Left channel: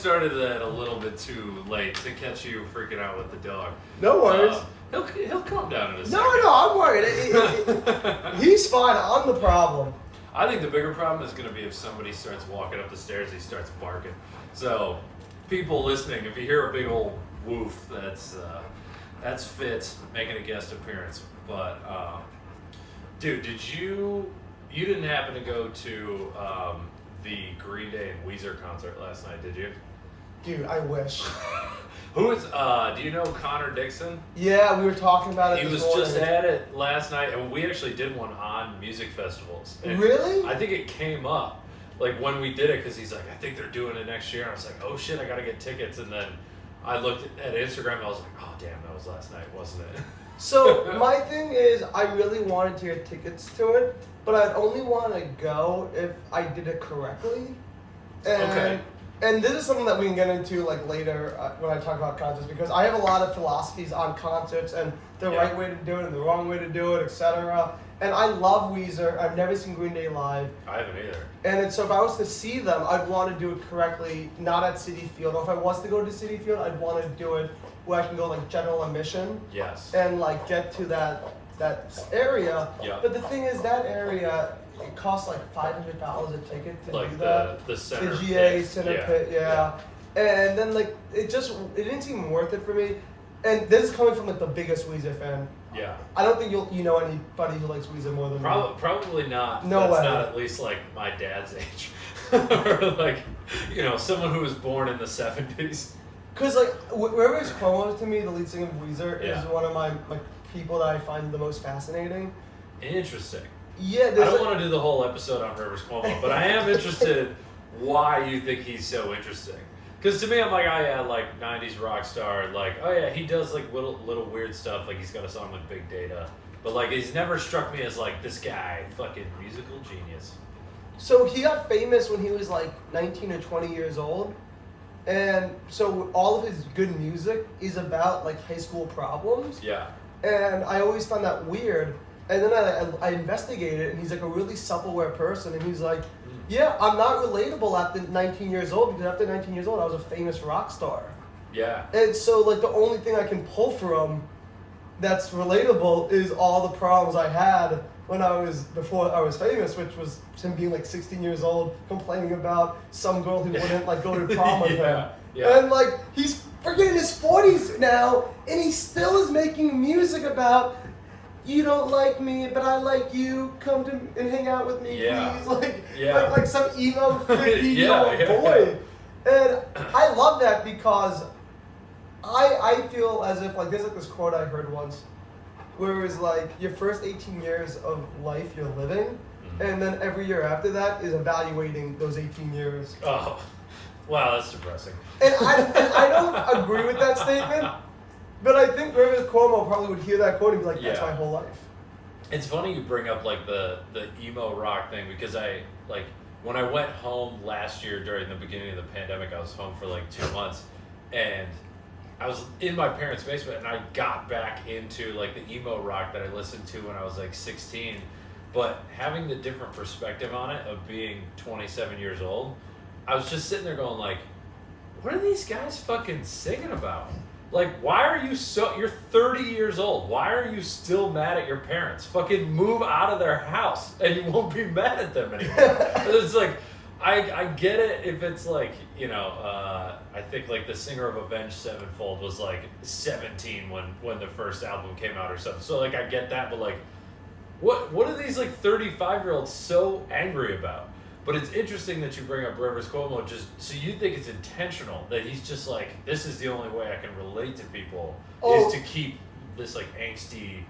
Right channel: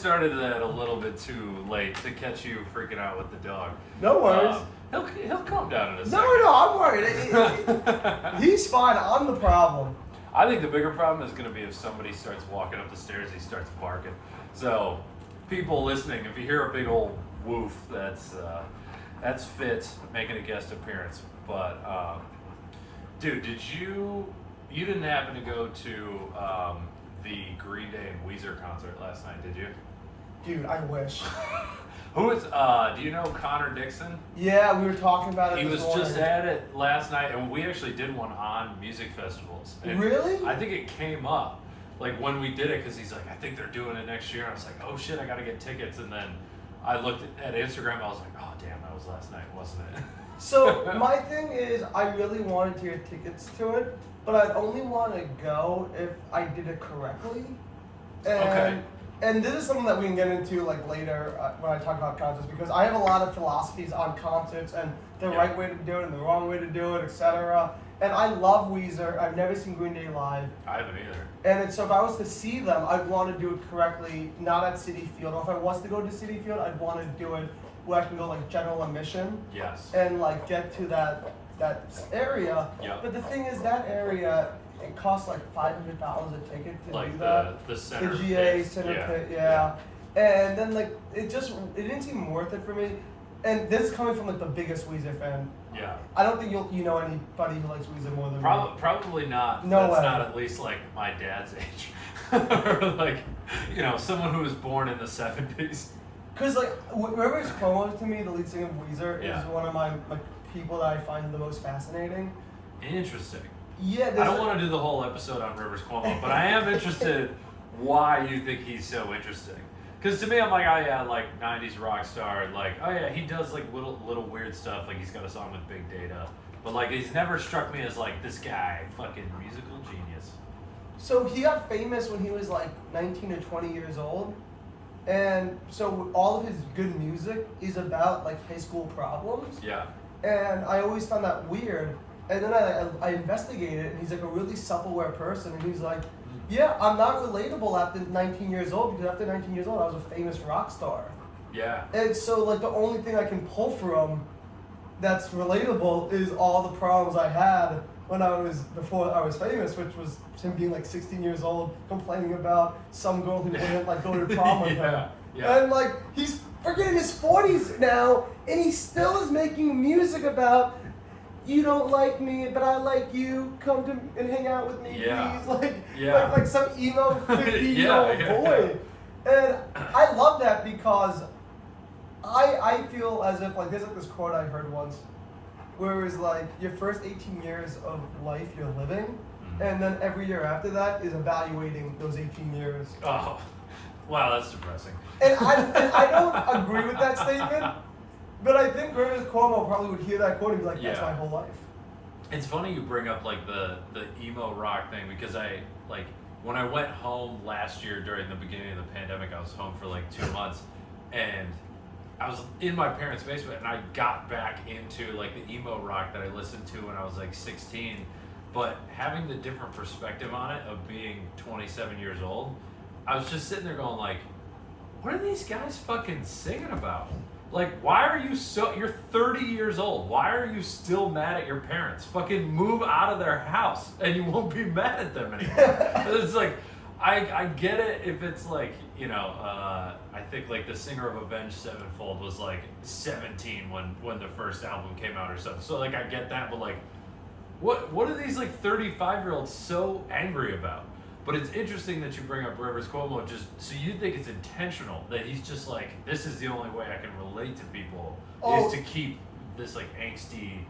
Started that a little bit too late to catch you freaking out with the dog. No worries. He'll calm down in a second. No, I'm worried. He's fine. I'm the problem. I think the bigger problem is going to be if somebody starts walking up the stairs, he starts barking. So, people listening, if you hear a big old woof, that's Fitz making a guest appearance. But, dude, you didn't happen to go to the Green Day and Weezer concert last night, did you? Dude, I wish. Who is, do you know Connor Dixon? Yeah, we were talking about it He this was morning. just at it last night, and we actually did one on music festivals. And Really? I think it came up, like, when we did it, because he's like, I think they're doing it next year. And I was like, oh, shit, I got to get tickets. And then I looked at Instagram, and I was like, oh, damn, that was last night, wasn't it? So, my thing is, I really wanted to get tickets to it, but I'd only want to go if I did it correctly. And, Okay. And this is something that we can get into like later when I talk about concerts, because I have a lot of philosophies on concerts and the right way to do it and the wrong way to do it, etc. And I love Weezer. I've never seen Green Day live. I haven't either. And so if I was to see them, I'd want to do it correctly, not at Citi Field. Or if I was to go to Citi Field, I'd want to do it where I can go like general admission. Yes. And like get to that area. Yeah. But the thing is, that area, it costs like $500 a ticket to Like do that. the center The GA pit. center pit, yeah. And then like it didn't seem worth it for me. And this is coming from like the biggest Weezer fan. Yeah. I don't think you know anybody who likes Weezer more than me. Probably not. No That's way. not at least like my dad's age. Or like, someone who was born in the 70s. Because like Rivers Cuomo, to me, the lead singer of Weezer, Yeah. is one of my people that I find the most fascinating. Interesting. Yeah, I don't want to do the whole episode on Rivers Cuomo, but I am interested why you think he's so interesting. Because to me, I'm like, oh yeah, like 90s rock star, like, oh yeah, he does like little weird stuff, like he's got a song with Big Data, but like he's never struck me as like this guy, fucking musical genius. So he got famous when he was like 19 or 20 years old. And so all of his good music is about like high school problems. Yeah. And I always found that weird. And then I investigated it, and he's like a really self-aware person. And he's like, yeah, I'm not relatable after 19 years old, because after 19 years old, I was a famous rock star. Yeah. And so like the only thing I can pull from that's relatable is all the problems I had before I was famous, which was him being like 16 years old, complaining about some girl who wouldn't like go to prom with him. Yeah. And like he's freaking in his 40s now, and he still is making music about, you don't like me, but I like you. Come to and hang out with me, please. Like some emo 50-year-old boy. And I love that, because I feel as if like there's like this quote I heard once, where it was like your first 18 years of life you're living, and then every year after that is evaluating those 18 years. Oh, wow, that's depressing. And I don't agree with that statement. But I think Rivers Cuomo probably would hear that quote and be like, that's my whole life. It's funny you bring up like the emo rock thing, because when I went home last year during the beginning of the pandemic, I was home for like 2 months, and I was in my parents' basement, and I got back into like the emo rock that I listened to when I was like 16, but having the different perspective on it of being 27 years old, I was just sitting there going like, what are these guys fucking singing about? Like, why are you you're 30 years old. Why are you still mad at your parents? Fucking move out of their house and you won't be mad at them anymore. It's like, I get it if it's like, I think like the singer of Avenged Sevenfold was like 17 when the first album came out or something. So like, I get that, but like, what are these like 35-year-olds so angry about? But it's interesting that you bring up Rivers Cuomo, just so you think it's intentional, that he's just like, this is the only way I can relate to people, is to keep this like angsty,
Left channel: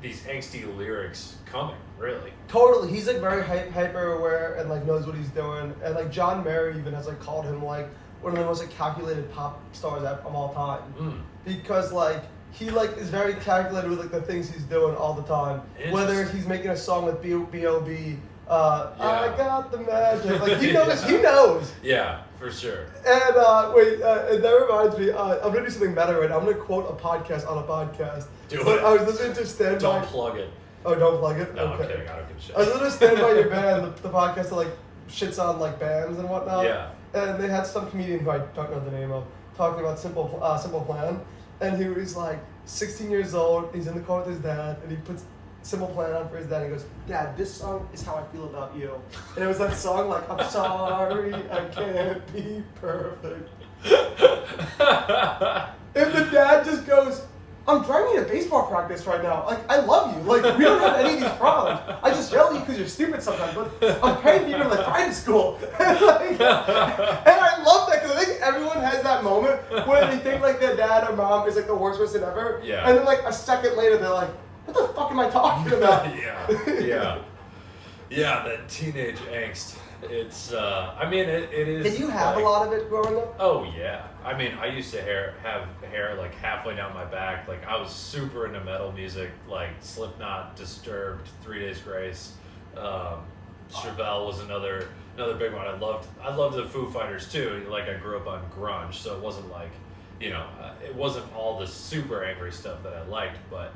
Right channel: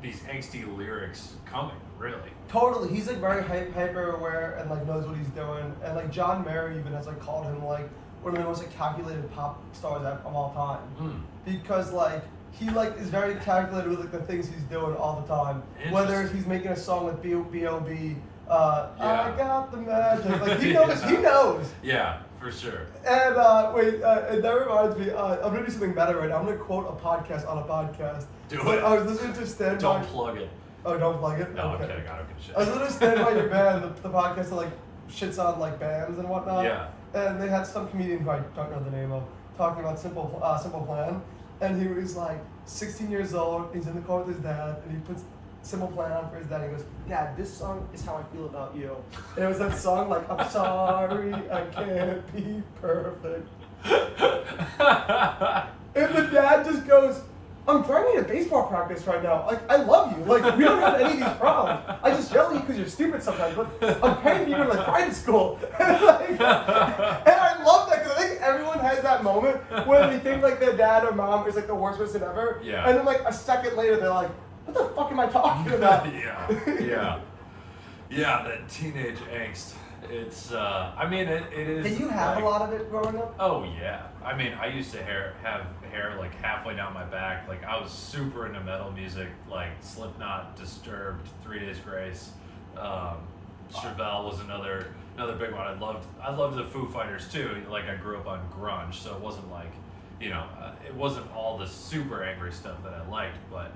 these angsty lyrics coming, really. Totally. He's like very hyper aware and like knows what he's doing. And like John Mayer even has like called him like one of the most like calculated pop stars of all time. Because like he like is very calculated with like the things he's doing all the time. Whether he's making a song with B.O.B. I got the magic. Like he knows. He knows. Yeah, for sure. And and that reminds me. I'm gonna do something better right now. I'm gonna quote a podcast on a podcast. Do but it. I was listening to Stand By. Don't plug it. Oh, don't plug it. No, okay. I'm kidding. I don't give a shit. I was listening to Stand By Your Band, the podcast that like shits on like bands and whatnot. Yeah. and they had some comedian who I don't know the name of talking about Simple Plan, and he was like 16 years old. He's in the car with his dad, and he puts Simple Plan on for his dad. And he goes, "Dad, this song is how I feel about you." And it was that song like, "I'm sorry, I can't be perfect." And the dad just goes, "I'm driving to baseball practice right now. Like, I love you. Like, we don't have any of these problems. I just yell at you because you're stupid sometimes, but I'm paying for you to like private school." And I love that because I think everyone has that moment where they think like their dad or mom is like the worst person ever. Yeah. And then like a second later, they're like, "What the fuck am I talking about?" Yeah, that teenage angst. It's, I mean, it is. Did you have like, a lot of it growing up? Oh yeah. I mean, I used to have hair like halfway down my back. Like I was super into metal music, like Slipknot, Disturbed, 3 Days Grace. Chevelle was another big one. I loved the Foo Fighters too. Like I grew up on grunge, so it wasn't like, it wasn't all the super angry stuff that I liked, but.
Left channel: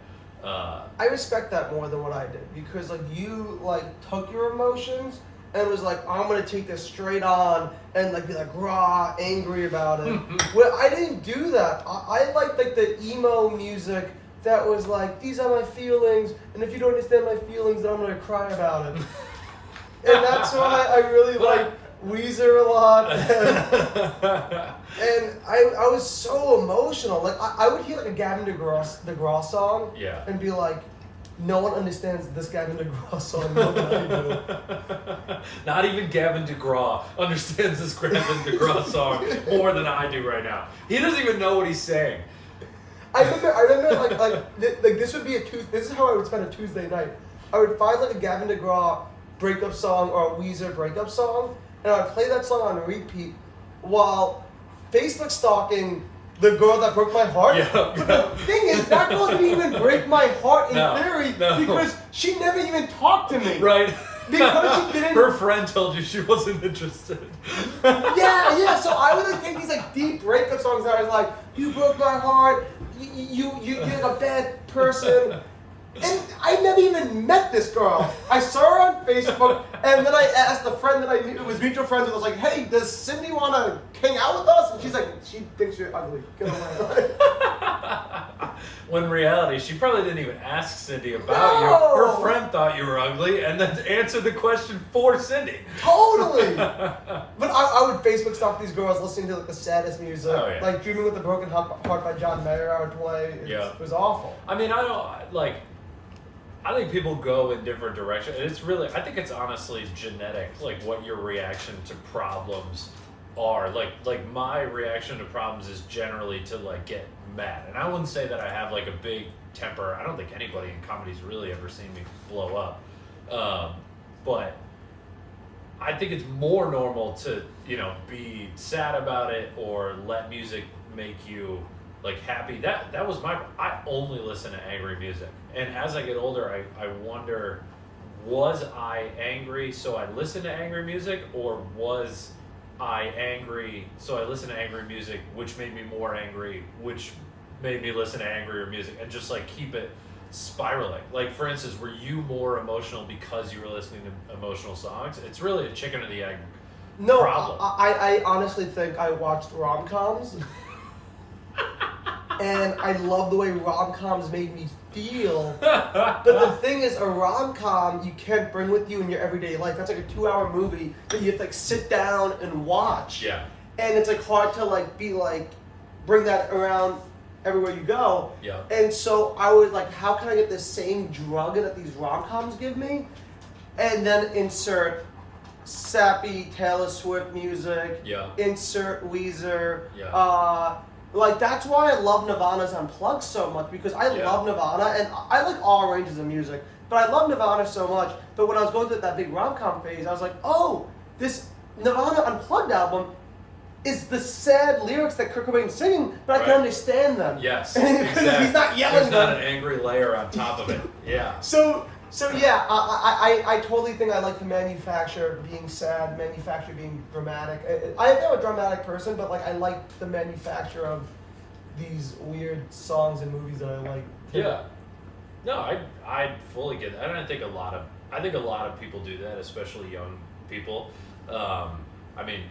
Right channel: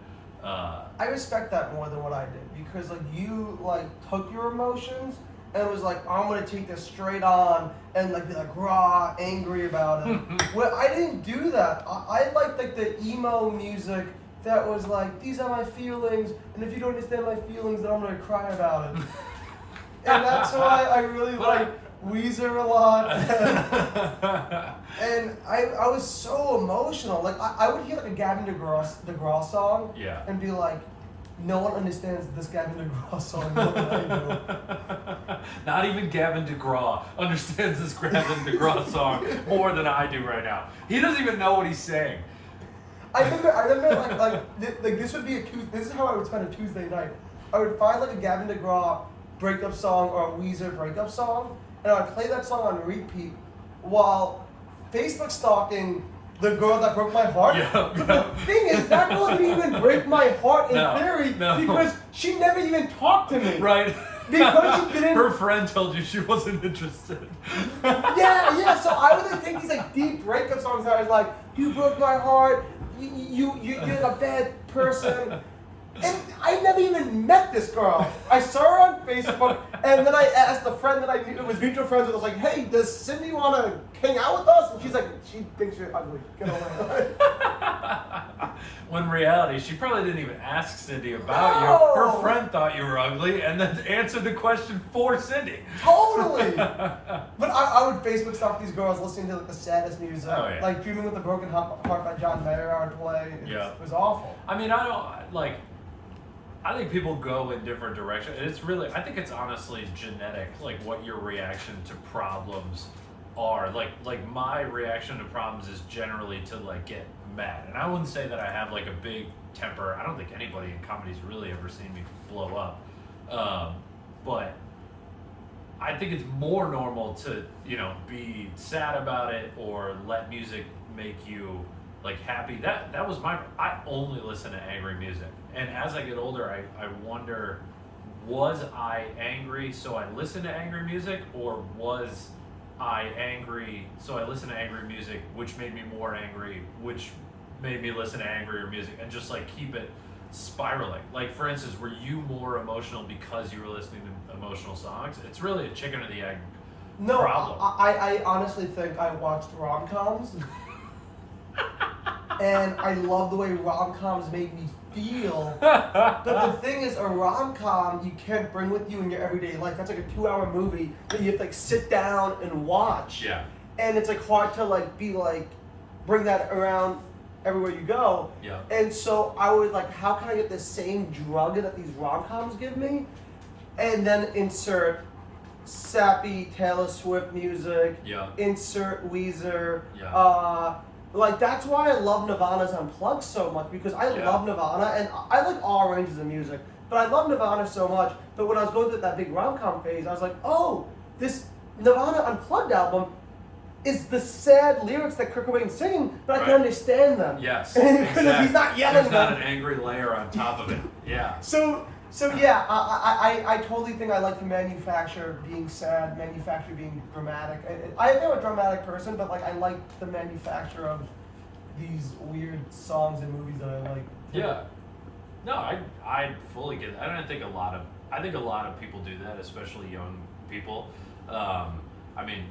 I respect that more than what I did because like you like took your emotions and was like, "I'm gonna take this straight on and like be like raw, angry about it." Well, I didn't do that. I liked like the emo music that was like, "These are my feelings, and if you don't understand my feelings, then I'm gonna cry about it." And that's why I really like Weezer a lot. And I was so emotional. Like I would hear like a Gavin DeGraw song, and be like, "No one understands this Gavin DeGraw song more than I do." Not even Gavin DeGraw understands this Gavin DeGraw song more than I do right now. He doesn't even know what he's saying. I remember like this would be this is how I would spend a Tuesday night. I would find like a Gavin DeGraw breakup song or a Weezer breakup song, and I'd play that song on repeat while Facebook stalking the girl that broke my heart. But the thing is, that girl didn't even break my heart in theory because she never even talked to me. Right. Because she didn't. Her friend told you she wasn't interested. Yeah. So I would like take these like deep breakup songs that I was like, "You broke my heart. You're a bad person." And I never even met this girl. I saw her on Facebook, and then I asked a friend that I knew, it was mutual friends, and I was like, "Hey, does Cindy want to hang out with us?" And she's like, "She thinks you're ugly. Get over it." When in reality, she probably didn't even ask Cindy about you. Her friend thought you were ugly, and then answered the question for Cindy. Totally. But I would Facebook stalk these girls listening to like the saddest music, like "Dreaming with a Broken Heart" by John Mayer. I would play. It was awful. I mean, I think people go in different directions. It's really, I think it's honestly genetic, like what your reaction to problems are. Like my reaction to problems is generally to like get mad. And I wouldn't say that I have like a big temper. I don't think anybody in comedy's really ever seen me blow up. But I think it's more normal to, be sad about it or let music make you like happy. That was I only listen to angry music. And as I get older, I wonder, was I angry so I listened to angry music, or was I angry so I listened to angry music which made me more angry, which made me listen to angrier music, and just like keep it spiraling. Like for instance, were you more emotional because you were listening to emotional songs? It's really a chicken or the egg problem. I honestly think I watched rom-coms. And I love the way rom-coms made me feel. But the thing is, a rom-com you can't bring with you in your everyday life. That's like a 2-hour movie that you have to like sit down and watch. Yeah. And it's like hard to like be like, bring that around everywhere you go. Yeah. And so I was like, how can I get the same drug that these rom-coms give me? And then insert sappy Taylor Swift music. Yeah. Insert Weezer. Yeah. Like, that's why I love Nirvana's Unplugged so much, because I love Nirvana, and I like all ranges of music, but I love Nirvana so much. But when I was going through that big rom-com phase, I was like, oh, this Nirvana Unplugged album is the sad lyrics that Kurt Cobain's singing, but I can understand them. Yes, exactly. He's not yelling There's them. not an angry layer on top of it. Yeah. So yeah, I totally think I like to manufacture being sad, manufacture being dramatic. I think I'm a dramatic person, but like I like the manufacture of these weird songs and movies that I like. Yeah. No, I fully get that. I think a lot of people do that, especially young people. I mean,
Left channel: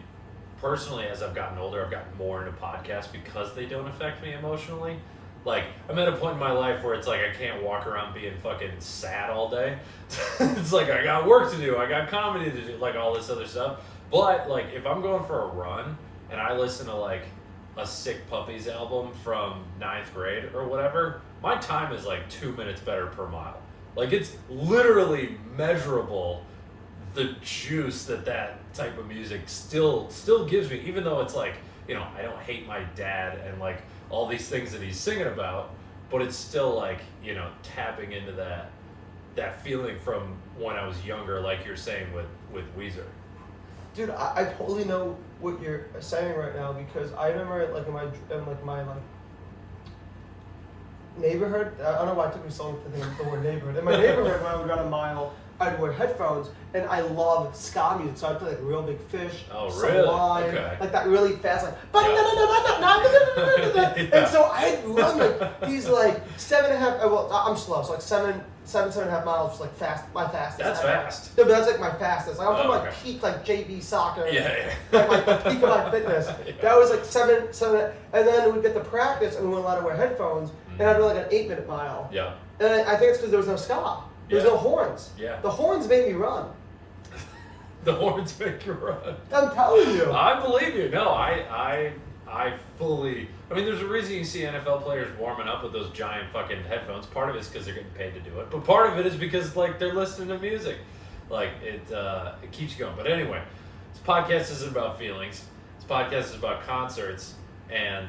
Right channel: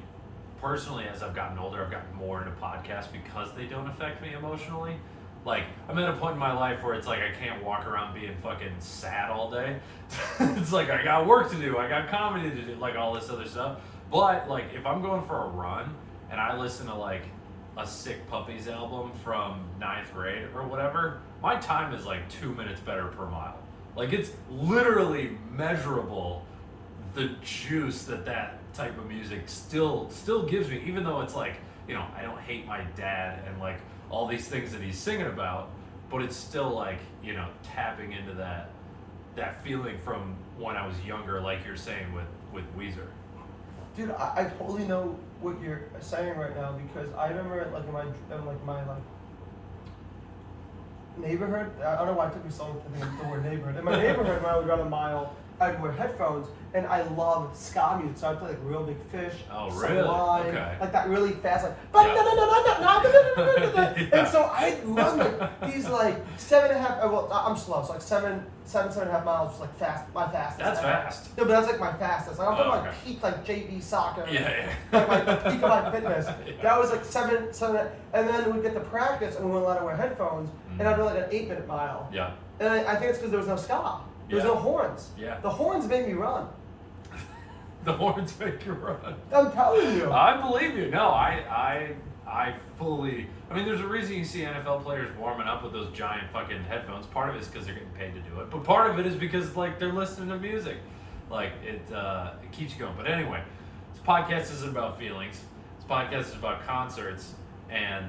personally, as I've gotten older, I've gotten more into podcasts because they don't affect me emotionally. Like, I'm at a point in my life where it's like I can't walk around being fucking sad all day. It's like I got work to do, I got comedy to do, like all this other stuff. But like if I'm going for a run and I listen to like a Sick Puppies album from 9th grade or whatever, my time is like 2 minutes better per mile. Like it's literally measurable, the juice that type of music still gives me, even though it's like, you know, I don't hate my dad and like all these things that he's singing about, but it's still like, you know, tapping into that feeling from when I was younger, like you're saying with Weezer. Dude, I totally know what you're saying right now, because I remember like in my neighborhood. I don't know why it took me so long to think of the word neighborhood. In my neighborhood, when I would run a mile, I'd wear headphones, and I love ska music, so I'd play like Real Big Fish, Sublime, okay. like that really fast, like, and so I'd run like these like 7.5. Well, I'm slow, so like 7.5 miles was like fast, my fastest. That's fast. No, but that's like my fastest. Like I'm talking like peak like JV soccer. Yeah. Like the peak of my fitness. That was like seven, and then we'd get to practice, and we weren't allowed to wear headphones, and I'd do like an 8-minute mile. Yeah. And I think it's because there was no ska. There's no horns. Yeah. The horns made me run. The horns make you run. I'm telling you. I believe you. No, I fully. I mean, there's a reason you see NFL players warming up with those giant fucking headphones. Part of it is because they're getting paid to do it, but part of it is because like they're listening to music. Like it keeps you going. But anyway, this podcast isn't about feelings. This podcast is about concerts and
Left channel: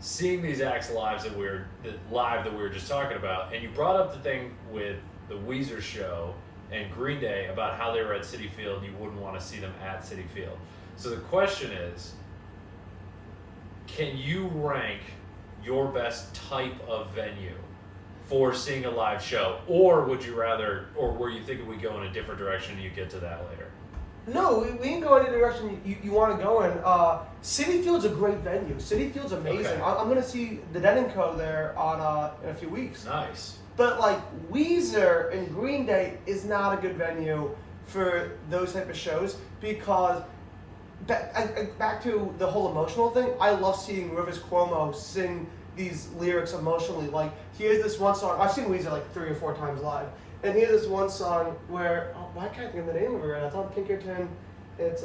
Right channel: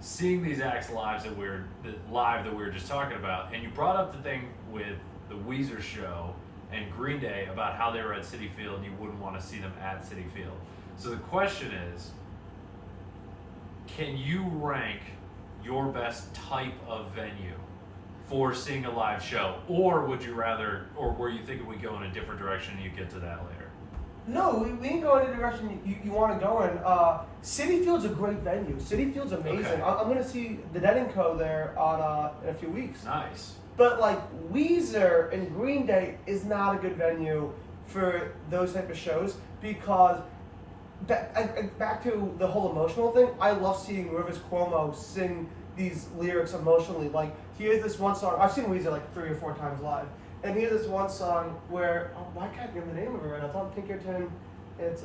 seeing these acts live that we were just talking about. And you brought up the thing with the Weezer show and Green Day about how they were at Citi Field and you wouldn't want to see them at Citi Field. So the question is, can you rank your best type of venue for seeing a live show? Or would you rather, or were you thinking we go in a different direction and you get to that later? No, we ain't going in the direction you want to go in. Citi Field's a great venue. Citi Field's amazing. Okay. I'm going to see the Dead & Co. there on in a few weeks. Nice. But like Weezer and Green Day is not a good venue for those type of shows, because back to the whole emotional thing, I love seeing Rivers Cuomo sing these lyrics emotionally. Like he has this one song, I've seen Weezer like 3 or 4 times live, and he has this one song where, why can't I think of the name of it right now? It's on Pinkerton. It's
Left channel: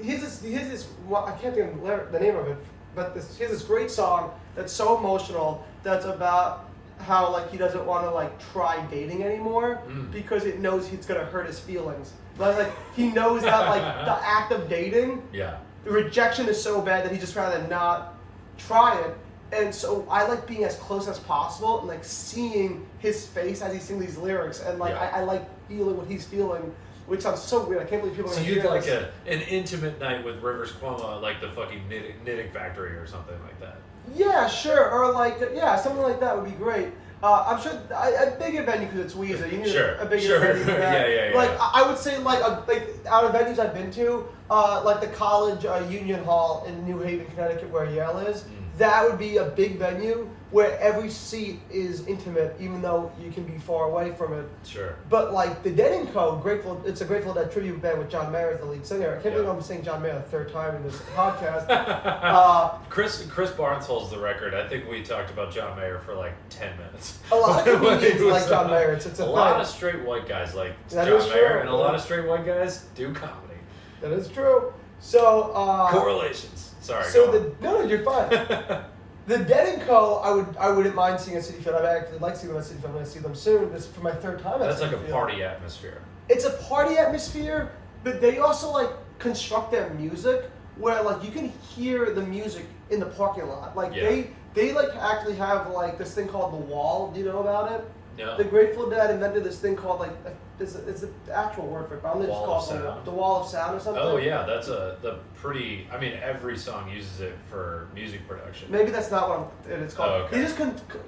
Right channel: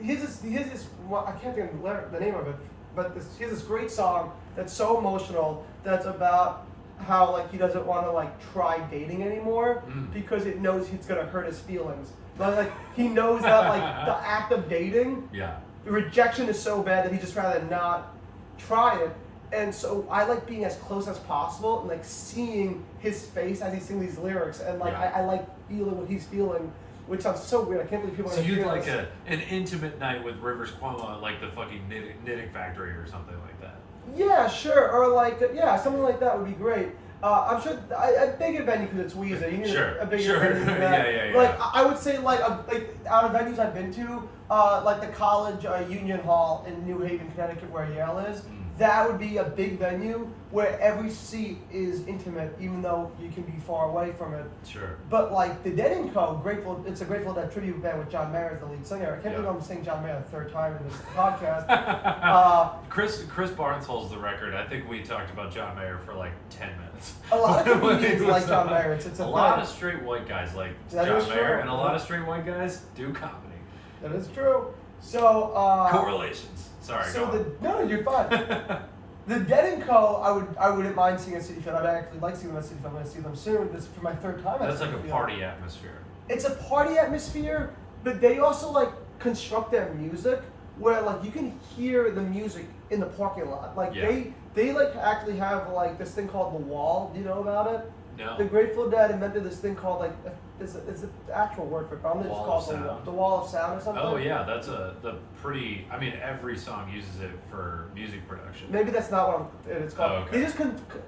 he has this well, I can't think of the name of it, but he has this great song that's so emotional, that's about how like he doesn't want to like try dating anymore because it knows it's gonna hurt his feelings. Like he knows that like the act of dating, the rejection is so bad that he just rather not try it. And so I like being as close as possible and like seeing his face as he sings these lyrics, and like I like feeling what he's feeling, which sounds so weird. I can't believe people. So you'd like an intimate night with Rivers Cuomo at like the fucking knitting factory or something like that. Yeah, sure, or like something like that would be great. I'm sure a bigger venue because it's Weezer. You need a bigger venue for that. Yeah. Like I would say like out of venues I've been to, like the College Union Hall in New Haven, Connecticut, where Yale is. That would be a big venue where every seat is intimate, even though you can be far away from it. Sure. But like the Dead & Co., it's a Grateful Dead tribute band with John Mayer as the lead singer. I can't believe I'm saying John Mayer the 3rd time in this podcast. Chris Barnes holds the record. I think we talked about John Mayer for like 10 minutes. A lot of comedians like John Mayer. It's a lot of straight white guys like that John Mayer, and a lot of straight white guys do comedy. That is true. So correlations. Sorry. So no, you're fine. The Dead & Co. I wouldn't mind seeing at Citi Field. I'd actually like to see them at Citi Field. I'm going to see them soon. This is for my 3rd time at That's Citi like a Field. party atmosphere. It's a party atmosphere, but they also like construct their music where like you can hear the music in the parking lot. Like they like actually have like this thing called The Wall. Do you know about it? No. The Grateful Dead invented this thing called like it's the actual word for it, but I'm gonna just call it the Wall of Sound or something. Oh yeah, that's the pretty. I mean, every song uses it for music production. Maybe that's not what it's called. Oh, okay. They just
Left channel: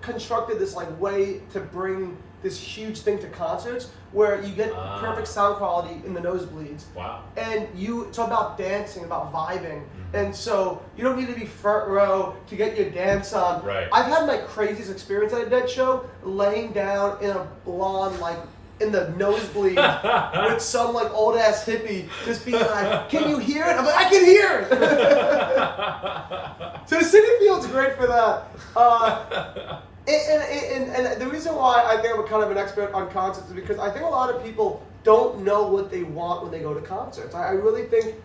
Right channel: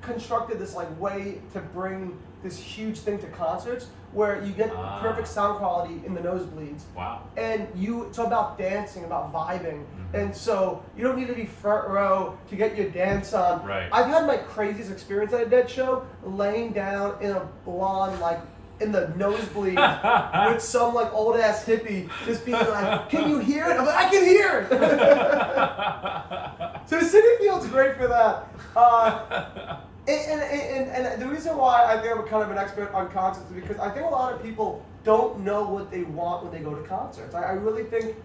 constructed this like way to bring this huge thing to concerts where you get perfect sound quality in the nosebleeds. Wow. And it's about dancing, about vibing. And so you don't need to be front row to get your dance on. Right. I've had my craziest experience at a Dead show laying down in a blonde, like in the nosebleed with some like old ass hippie just being like, "Can you hear it?" I'm like, "I can hear it." So Citi Field's great for that. And the reason why I think I'm kind of an expert on concerts is because I think a lot of people don't know what they want when they go to concerts. I really think.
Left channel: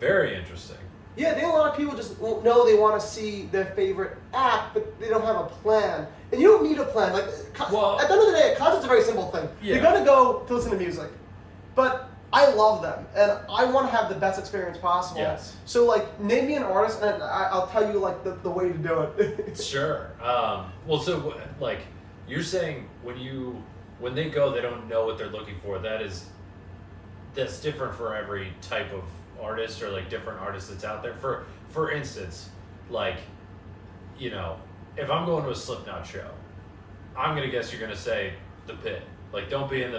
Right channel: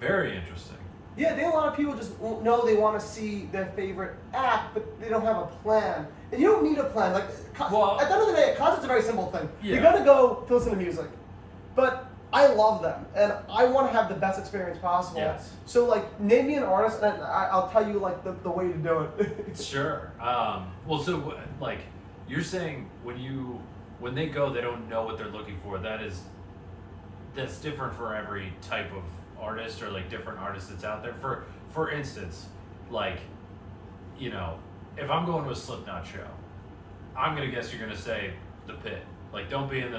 Very interesting. Yeah, I think a lot of people just know they want to see their favorite act, but they don't have a plan. And you don't need a plan. Like, well, at the end of the day, a concert's a very simple thing. Yeah. You're gonna go to listen to music, but I love them, and I want to have the best experience possible. Yes. So, like, name me an artist, and I'll tell you like the way to do it. Sure. Well, so like you're saying when they go, they don't know what they're looking for. That's different for every type of artist or like different artists that's out there. For instance, like, you know, if I'm going to a Slipknot show, I'm gonna guess you're gonna say the pit. Like, don't be in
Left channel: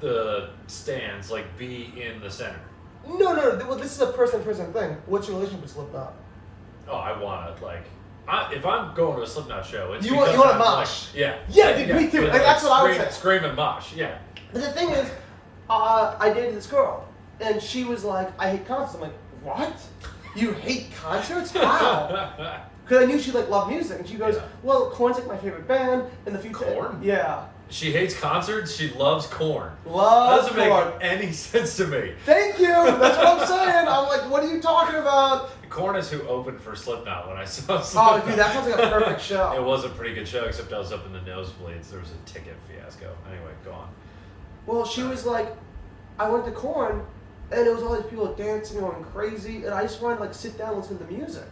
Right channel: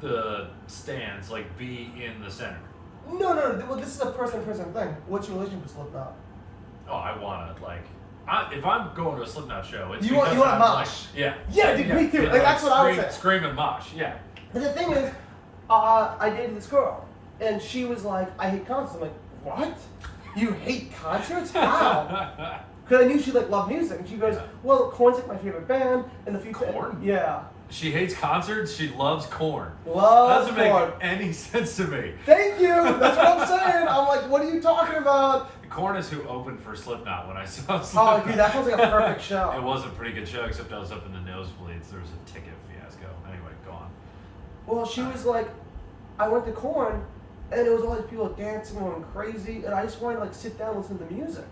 the stands. Like, be in the center. No. Well, this is a person-to-person thing. What's your relationship with Slipknot? Oh, I wanna like. If I'm going to a Slipknot show, it's you want a mosh. Like, yeah. Yeah, dude, me too. Like, that's what I would say. Scream and mosh. Yeah. But the thing is, I dated this girl, and she was like, "I hate concerts." I'm like, "What? You hate concerts? How?" Because I knew she like loved music, and she goes, "Well, Korn's like my favorite band, and the future." Korn? Yeah. She hates concerts. She loves Korn. Loves Doesn't Korn. make any sense to me. Thank you. That's what I'm saying. I'm like, what are you talking about? Korn is who opened for Slipknot when I saw Slipknot. Oh, dude, that sounds like a perfect show. It was a pretty good show, except I was up in the nosebleeds. There was a ticket fiasco. Anyway, go on. Well, she was like, I went to Korn, and there was all these people dancing, going crazy, and I just wanted to like sit down and listen to the music.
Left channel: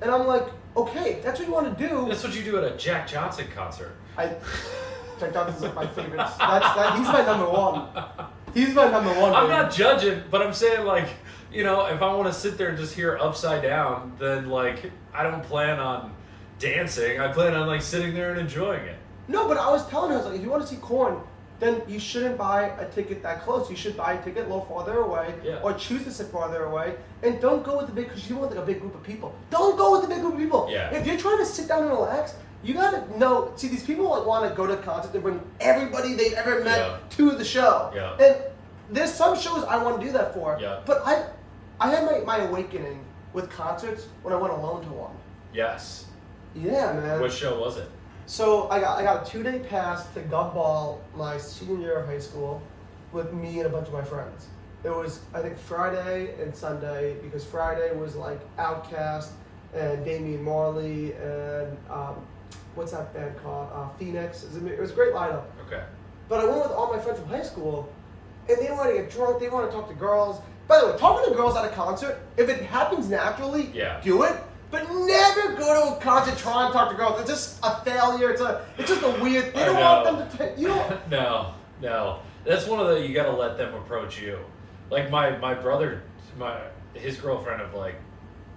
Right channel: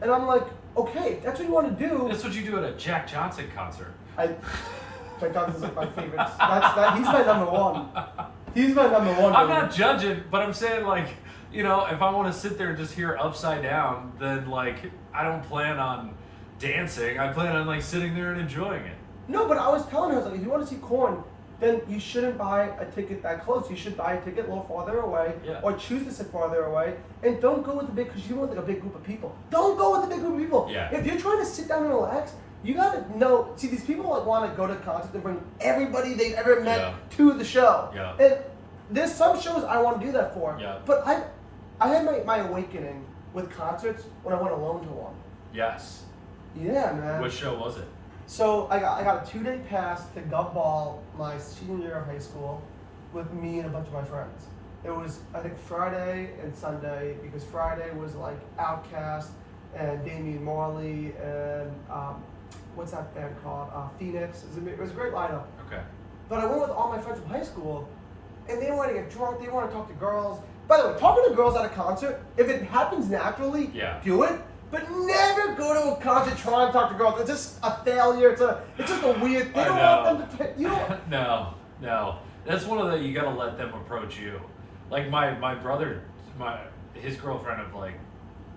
And I'm like, okay, that's what you want to do. That's what you do at a Jack Johnson concert. Jack Johnson's like my favorite. He's my number one. He's my number one. I'm not judging, but I'm saying, like, you know, if I want to sit there and just hear Upside Down, then like I don't plan on dancing. I plan on like sitting there and enjoying it. No, but I was telling her, I was like, if you want to see Korn, then you shouldn't buy a ticket that close. You should buy a ticket a little farther away, or choose to sit farther away, and don't go with the big, because you want like a big group of people. Don't go with the big group of people. Yeah. If you're trying to sit down and relax, you gotta know. See, these people like want to go to concerts and bring everybody they've ever met to the show. Yeah. And there's some shows I want to do that for. Yeah. But I had my awakening with concerts when I went alone to one. Yes. Yeah, man. What show was it? So I got a 2-day pass to Gov Ball my senior year of high school with me and a bunch of my friends. It was, I think, Friday and Sunday, because Friday was like Outkast and Damian Marley and what's that band called? Phoenix. It was a great lineup. Okay. But I went with all my friends from high school, and they wanted to get drunk, they want to talk to girls. By the way, talking to girls at a concert, if it happens naturally, do it. But never go to a concert try and talk to girls. It's just a failure. It's just a weird thing. You don't want them to. You don't. No. That's one of the, you gotta let them approach you. Like my brother, his girlfriend of like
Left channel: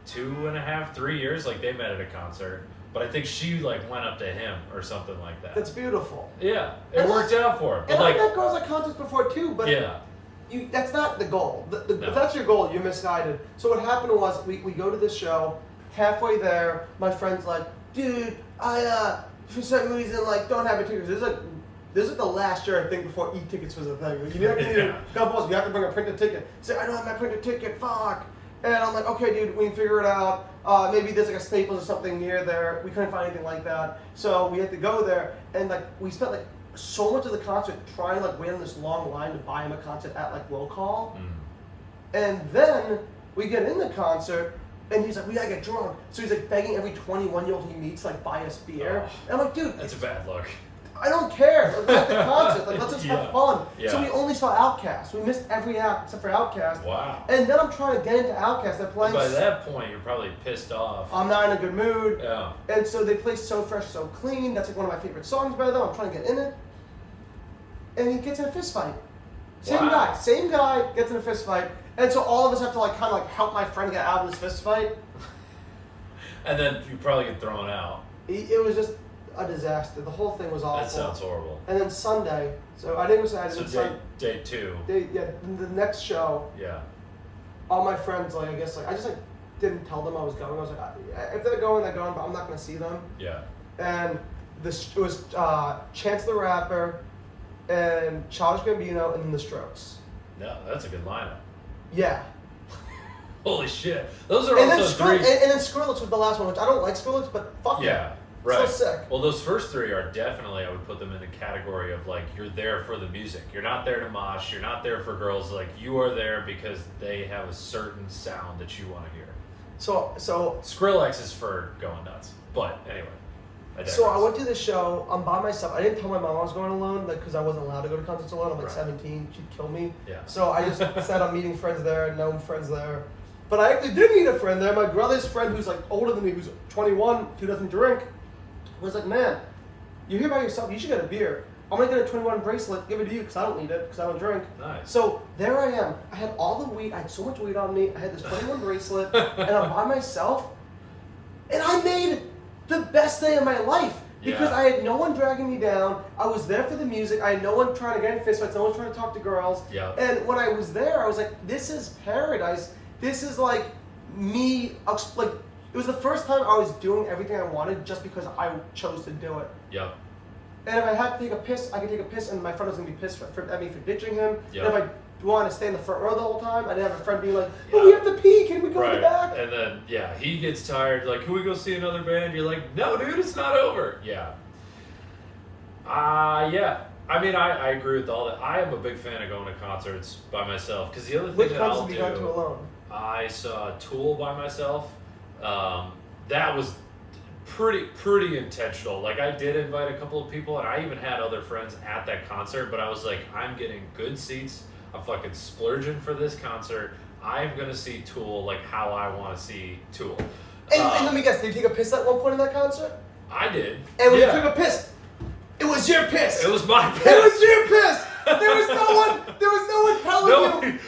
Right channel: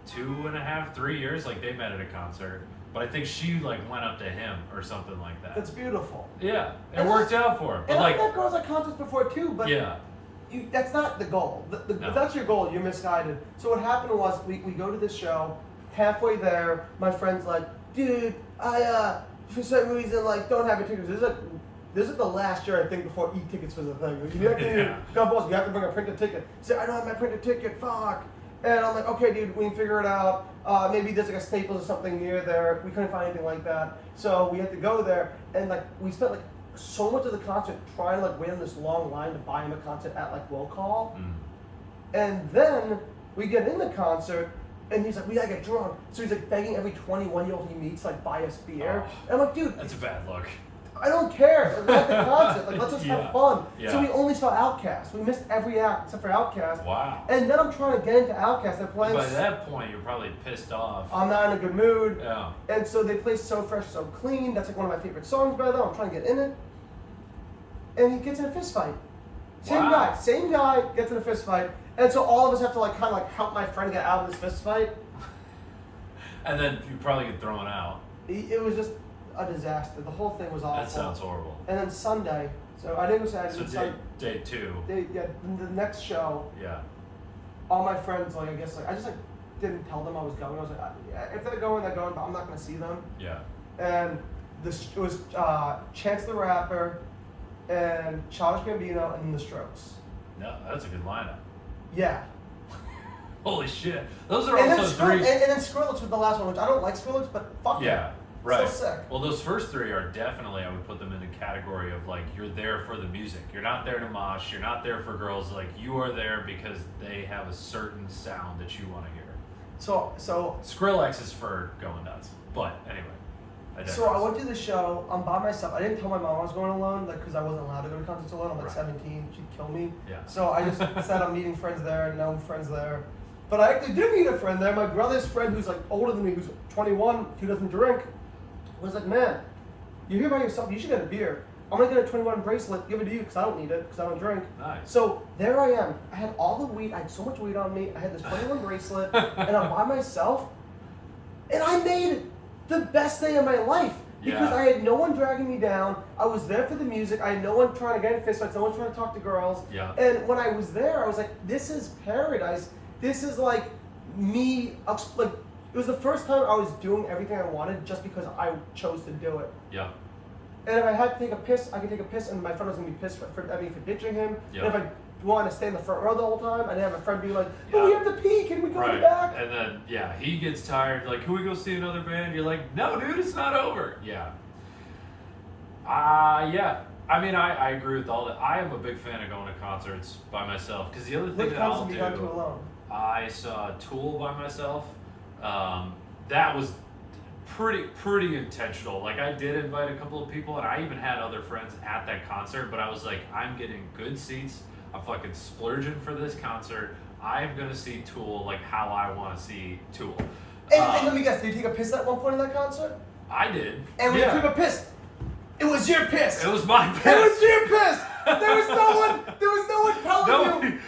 2.5, 3 years, like they met at a concert. But I think she like went up to him or something like that. That's beautiful. Yeah, it worked out for him. But and like, I've met girls at concerts before too, but that's not the goal. If that's your goal, you're misguided. So what happened was we go to this show. Halfway there, my friend's like, dude, I for some reason like don't have your tickets. This is the last year I think before e-tickets was a thing. Like, you have to you have to bring a printed ticket. Say, I don't have my printed ticket, fuck. And I'm like, okay, dude, we can figure it out. Maybe there's like a Staples or something near there. We couldn't find anything like that, so we had to go there. And like we spent like so much of the concert trying to like wait on this long line to buy him a concert at like Will Call. And then we get in the concert. And he's like, we gotta get drunk. So he's like begging every 21-year-old he meets like buy us beer. And I'm like, dude, that's a bad look. I don't care. Like, at the concert, like let's just have fun. Yeah. So we only saw Outkast. We missed every act except for Outkast. Wow. And then I'm trying to get into Outkast. They're playing. By that point, you're probably pissed off. I'm not in a good mood. Yeah. And so they play So Fresh, So Clean. That's like one of my favorite songs by them. I'm trying to get in it. And he gets in a fist fight. Same guy gets in a fist fight. And so all of us have to like kind of like help my friend get out of this fist fight. And then you probably get thrown out. It was just a disaster. The whole thing was awful. That sounds horrible. And then Sunday, so I didn't decide. So day 2. The next show. Yeah. All my friends, like I guess, like I just like didn't tell them I was going. I was like, if they're going, they're going, but I'm not gonna see them. Yeah. And it was Chance the Rapper, and Childish Gambino, and then The Strokes. No, that's a good lineup. Yeah. Holy shit. Those are And also then three. And then Skrillex was the last one, which I don't like Skrillex, but fuck Yeah, it. right. So sick. Well, those first three are definitely, I would put them in the category of like, you're there for the music. You're not there to mosh. You're not there for girls. Like, you are there because they have a certain sound that you want to hear. So Skrillex is for going nuts. But anyway. So I went to the show. I'm by myself. I didn't tell my mom I was going alone, like, because I wasn't allowed to go to concerts alone. I'm like Right. 17. She'd kill me. Yeah. So I just said I'm meeting friends there, known friends there. But I actually did meet a friend there. My brother's friend, who's like older than me, who's 21, who doesn't drink, was like, man, you're here by yourself. You should get a beer. I'm gonna get a 21 bracelet, give it to you because I don't need it because I don't drink. Nice. So there I am. I had all the weed. I had so much weed on me. I had this 21 bracelet, and I'm by myself. And I made the best day of my life because Yeah. I had no one dragging me down. I was there for the music. I had no one trying to get in fistfights. No one trying to talk to girls. Yeah. And when I was there, I was like, this is paradise. This is like me. Like, it was the first time I was doing everything I wanted just because I chose to do it. Yep. And if I had to take a piss, I could take a piss, and my friend was gonna be pissed at me for ditching him. Yeah. And if I wanted to stay in the front row the whole time, I didn't have a friend be like, "Oh, we have to pee. Can we go in the back?" And then, yeah, he gets tired. Like, can we go see another band? You're like, no, dude, it's not over. Yeah. Yeah. I mean, I agree with all that. I am a big fan of going to concerts by myself because the other thing Which that I'll concerts have you gone to do, alone? I saw Tool by myself. That was pretty intentional. Like, I did invite a couple of people, and I even had other friends at that concert. But I was like, I'm getting good seats. I'm fucking splurging for this concert. I am gonna see Tool like how I want to see Tool. And let me guess, did you take a piss at one point in that concert? I did. And when yeah. you took a piss, it was your piss. It was my piss. It was your piss. There was no one telling you.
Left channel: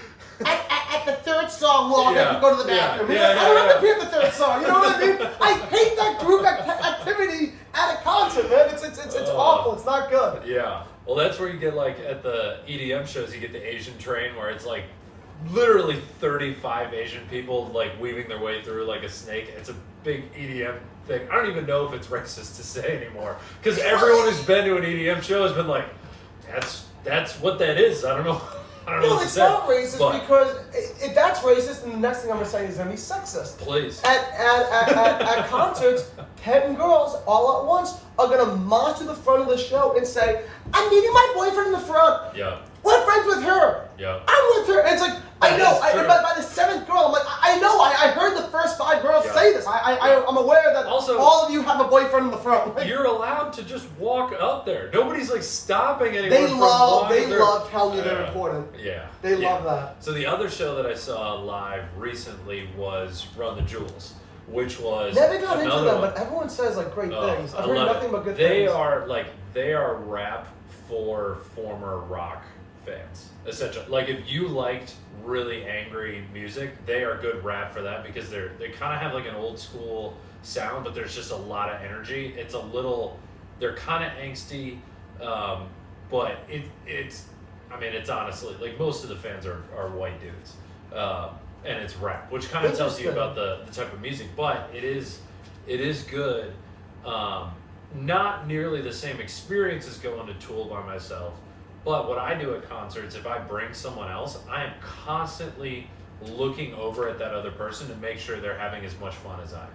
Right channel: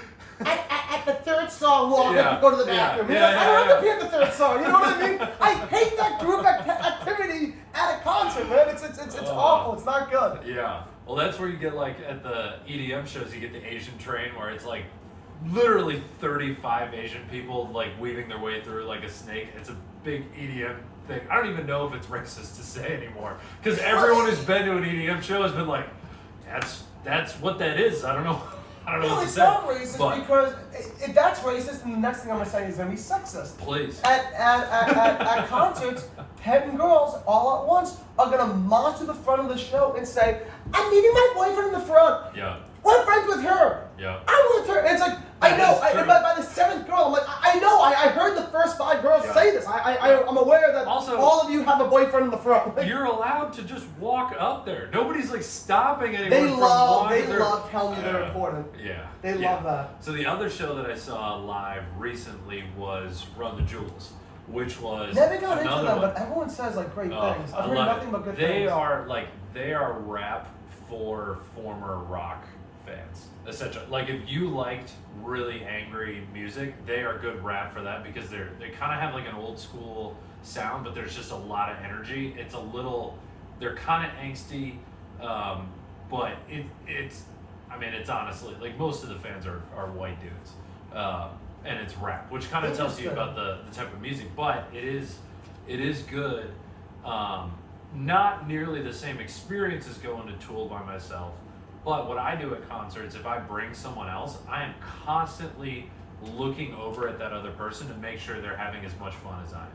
At the third song, well, I'm going to go to the bathroom. Yeah, I don't have to pee at the third song. You know what I mean? I hate that group activity at a concert, man. It's awful. It's not good. Yeah. Well, that's where you get, like, at the EDM shows, you get the Asian train where it's like literally 35 Asian people like weaving their way through like a snake. It's a big EDM thing. I don't even know if it's racist to say anymore because everyone who's been to an EDM show has been like, that's what that is. I don't know. No, what it's to say. not racist because if that's racist, then the next thing I'm gonna say is gonna be sexist. Please. At concerts, 10 girls all at once are gonna march to the front of the show and say, "I'm meeting my boyfriend in the front. Yeah. We're friends with her. Yeah. I'm with her." And it's like, I know. By the 7th girl, I'm like, I know. I heard the first 5 girls say this. I'm aware that also, all of you have a boyfriend in the front. Like, you're allowed to just walk up there. Nobody's like stopping anyone from walking. They love telling you they're important. Yeah. They love that. So the other show that I saw live recently was Run the Jewels, which was never got into them, one. but everyone says like great things. I've I heard love nothing it. but good things. They are rap for former rock fans, essentially. Like if you liked really angry music, they are good rap for that because they kind of have like an old school sound, but there's just a lot of energy. It's a little, they're kind of angsty, but it's honestly like most of the fans are white dudes, and it's rap, which kind of tells you about the type of music. But it is good. Not nearly the same experience as going to Tool by myself. But what I do at concerts, if I bring someone else, I am constantly looking over at that other person to make sure they're having as much fun as I am.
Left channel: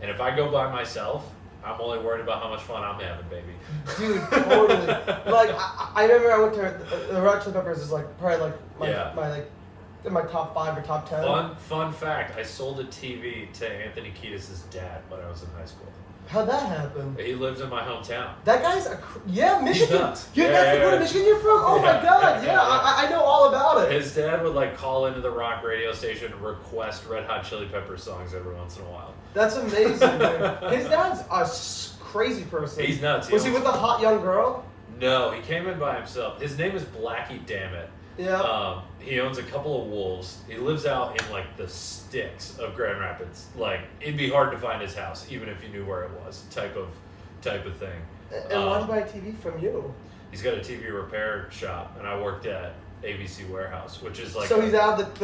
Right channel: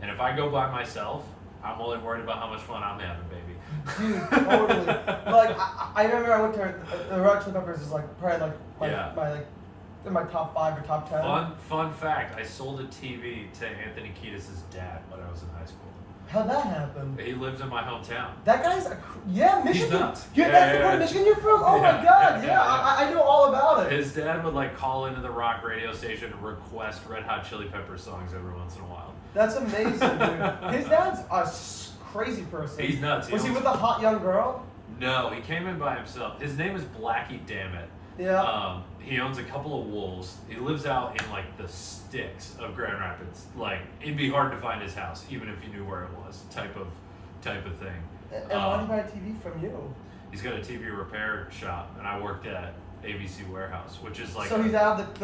And if I go by myself, I'm only worried about how much fun I'm having, baby. Dude, totally. Like I remember I went to the Red Hot Chili Peppers is like probably like my in my top 5 or top 10. Fun fact: I sold a TV to Anthony Kiedis' dad when I was in high school. How'd that happen? He lives in my hometown. That guy's Michigan. He's nuts. That's the part of Michigan you're from? Oh my god, yeah. I know all about it. His dad would like call into the rock radio station and request Red Hot Chili Peppers songs every once in a while. That's amazing, dude. His dad's a crazy person. He's nuts. Was he with a hot young girl? No, he came in by himself. His name is Blackie Dammit. Yeah. He owns a couple of wolves. He lives out in like the sticks of Grand Rapids. Like it'd be hard to find his house, even if you knew where it was. Type of thing. And why did he buy a TV from you? He's got a TV repair shop, and I worked at ABC Warehouse, which is like. So he's out of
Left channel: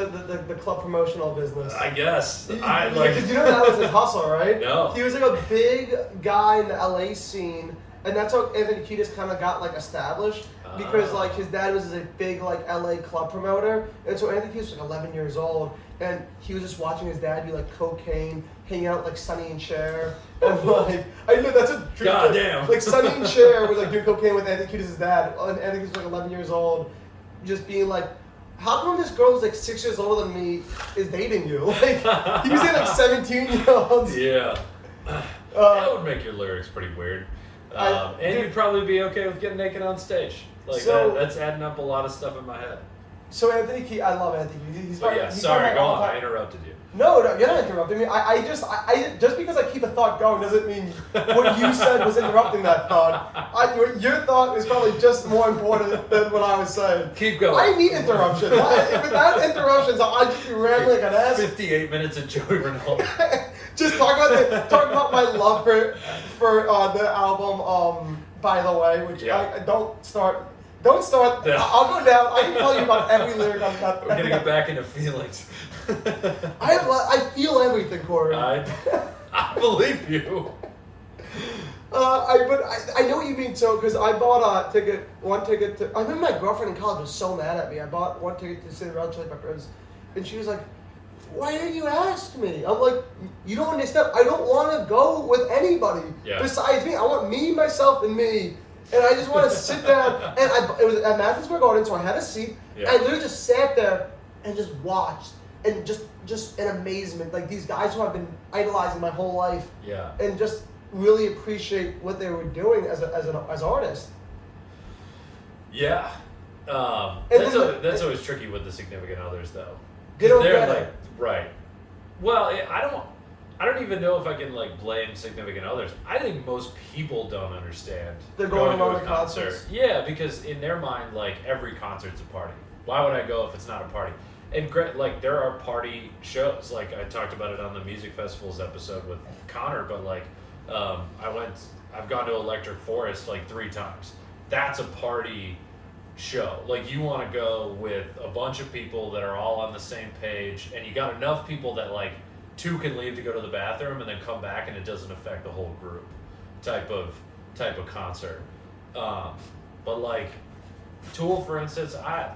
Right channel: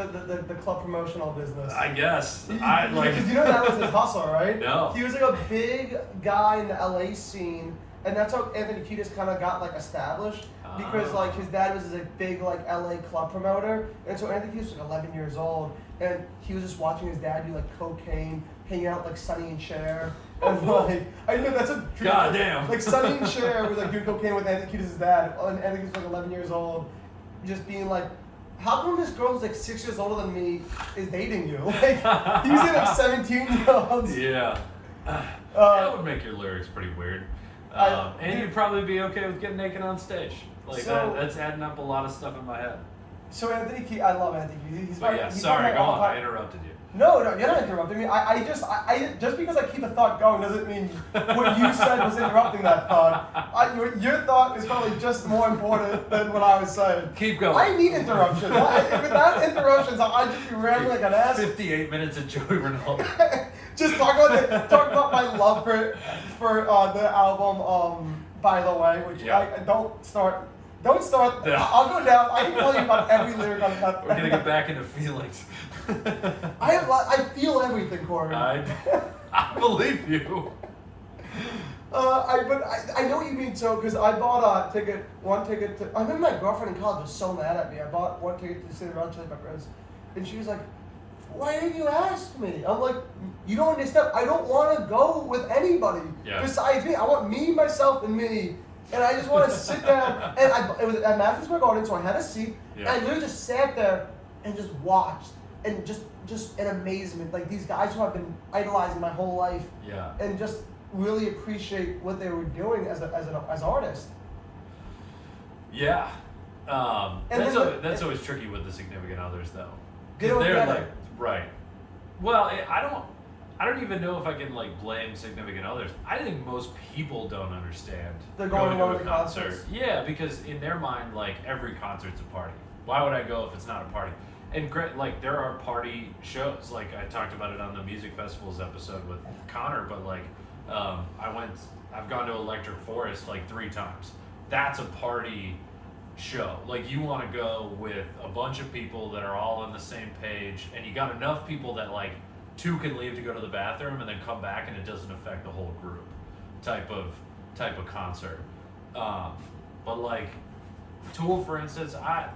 the club promotional business. I guess. Did you know that was his hustle, right? No. He was like a big guy in the LA scene, and that's how Anthony Kiedis kind of got like established. because like his dad was a big like LA club promoter, and so Anthony Kiedis was like 11 years old, and he was just watching his dad do like cocaine, hang out like Sonny and Cher, and like I know that's a true God damn. Like Sonny and Cher was like doing cocaine with Anthony Kiedis' dad, and Anthony Kiedis was like 11 years old, just being like, how come this girl who's like 6 years older than me is dating you? Like he was dating like 17-year-olds. Yeah. That would make your lyrics pretty weird. And you'd probably be okay with getting naked on stage. Like that's adding up a lot of stuff in my head. So Anthony Kiedis, I love Anthony Kiedis. Sorry, go on. I interrupted you. No, you're not interrupting me. I just because I keep a thought going doesn't mean what you said was interrupting that thought. Your thought is probably just more important than what I was saying. Keep going. I need interruptions. Without interruptions, I'll just be rambling like an ass. 58 minutes of Joey Rinaldi. Just talk about my love for the album. By the way, which I don't start. Don't start. Yeah. I'll go down. I can tell you about every lyric on that. We're gonna get back into feelings. I feel everything, Corey. I believe you. I know what you mean. So, because I bought one ticket to. I remember my girlfriend in college was so mad at me. I bought one ticket to see the Red Chili Peppers, and she was like, "Why didn't you ask me?" I'm like, "You don't understand. I don't want to go with anybody besides me. I want me, myself, and me." And I just want to sit down, and it was at Madison Square Garden, so I had a seat. Yeah. I literally just sat there and just watched, and just in amazement, like these guys who I've been idolizing my whole life, and just really appreciate what they were doing as artists. Yeah, that's always tricky with the significant others, though. They don't they're get like it. Right. Well, I don't even know if I can like blame significant others. I think most people don't understand they're going to to a the concert. concerts. Yeah, because in their mind, like every concert's a party. Why would I go if it's not a party? And like there are party shows. Like I talked about it on the music festivals episode with Connor. But like I've gone to Electric Forest like 3 times. That's a party show. Like you want to go with a bunch of people that are all on the same page, and you got enough people that like 2 can leave to go to the bathroom and then come back, and it doesn't affect the whole group type of concert. But like Tool, for instance, I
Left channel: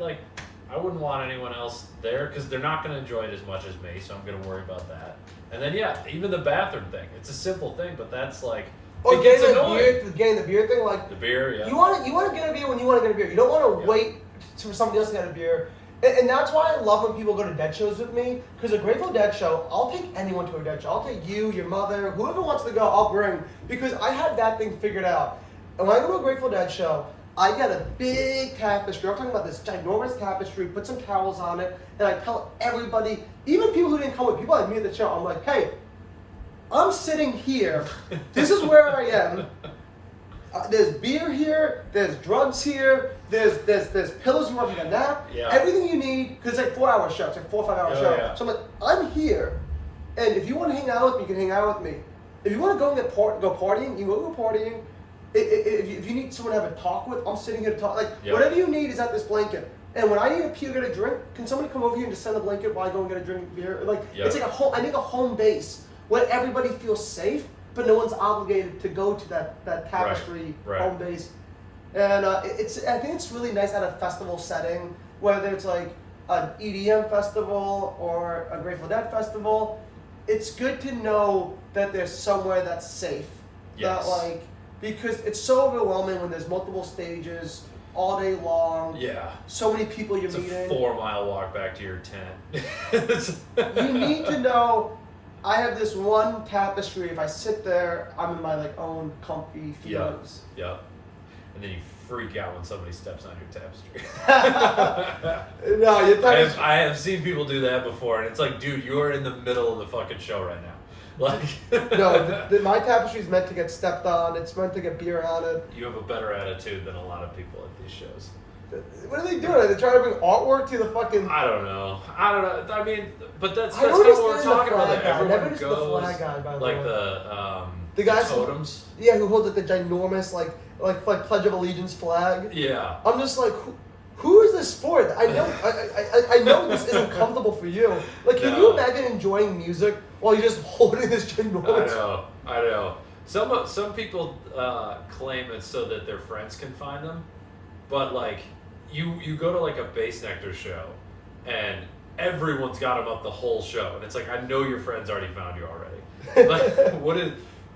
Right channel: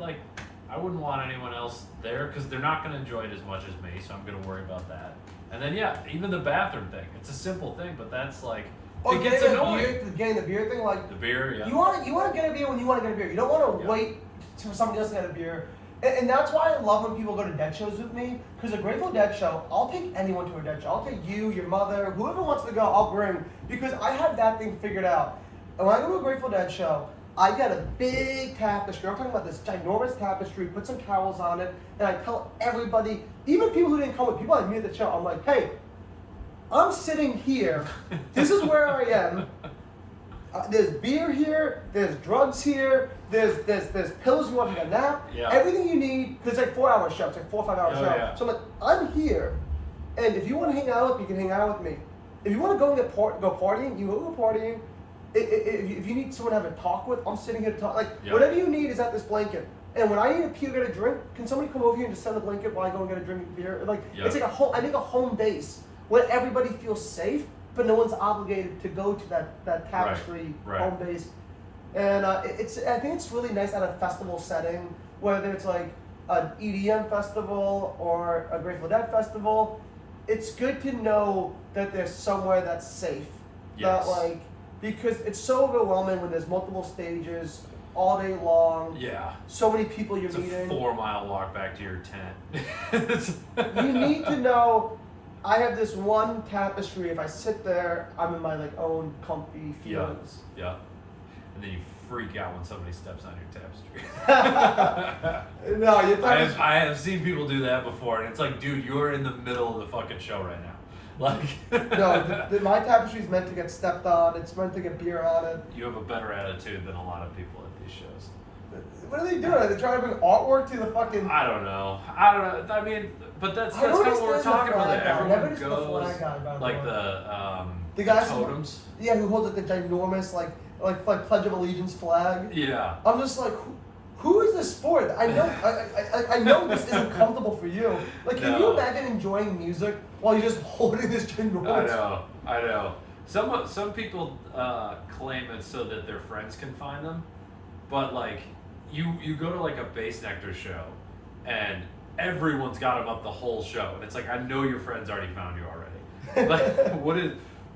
wouldn't want anyone else there because they're not going to enjoy it as much as me, so I'm going to worry about that. And then even the bathroom thing, it's a simple thing, but that's like it gets annoying. Getting the beer thing, like the beer, yeah. You want to get a beer when you want to get a beer. You don't want to wait for somebody else to get a beer. And that's why I love when people go to Dead shows with me, because a Grateful Dead show, I'll take anyone to a Dead show. I'll take you, your mother, whoever wants to go, I'll bring, because I have that thing figured out. And when I go to a Grateful Dead show, I get a big tapestry. I'm talking about this ginormous tapestry, put some towels on it, and I tell everybody, even people who didn't come with, people like me at the show, I'm like, hey, I'm sitting here. This is where I am. There's beer here. There's drugs here. There's pillows you want to take a nap. Yeah. Everything you need, because it's like 4-hour show. It's like 4 or 5 hour show. Yeah. So I'm like, I'm here, and if you want to hang out with me, you can hang out with me. If you want to go and go partying, you go partying. If you need someone to have a talk with, I'm sitting here to talk. Like whatever you need is at this blanket. And when I need a pee or get a drink, can somebody come over here and just send the blanket while I go and get a drink of beer? Like it's like I make a home base where everybody feels safe, but no one's obligated to go to that tapestry home base. And I think it's really nice at a festival setting, whether it's like an EDM festival or a Grateful Dead festival. It's good to know that there's somewhere that's safe. Yes. That like, because it's so overwhelming when there's multiple stages all day long. Yeah. So many people you're meeting. It's a 4-mile walk back to your tent. You need to know, I have this one tapestry. If I sit there, I'm in my like own comfy feelings. Yeah. And then you freak out when somebody steps on your tapestry. No, I have seen people do that before, and it's like, dude, you're in the middle of the fucking show right now. Like, no, my tapestry is meant to get stepped on. It's meant to get beer on it. You have a better attitude than a lot of people at these shows. What are they doing? Are they trying to bring artwork to the fucking? I don't know. I mean, but that's kind of what we're talking about. That everyone goes the flag guy, by like the guys totems. Who holds like the ginormous like Pledge of Allegiance flag. Yeah. I'm just like, who is this for? I know I know this isn't comfortable for you. Like, can you imagine enjoying music while you're just holding this ginormous? I know. Some people claim it's so that their friends can find them. but like you go to like a Bass Nectar show, and everyone's got them up the whole show, and it's like, I know your friends already found you already. Like,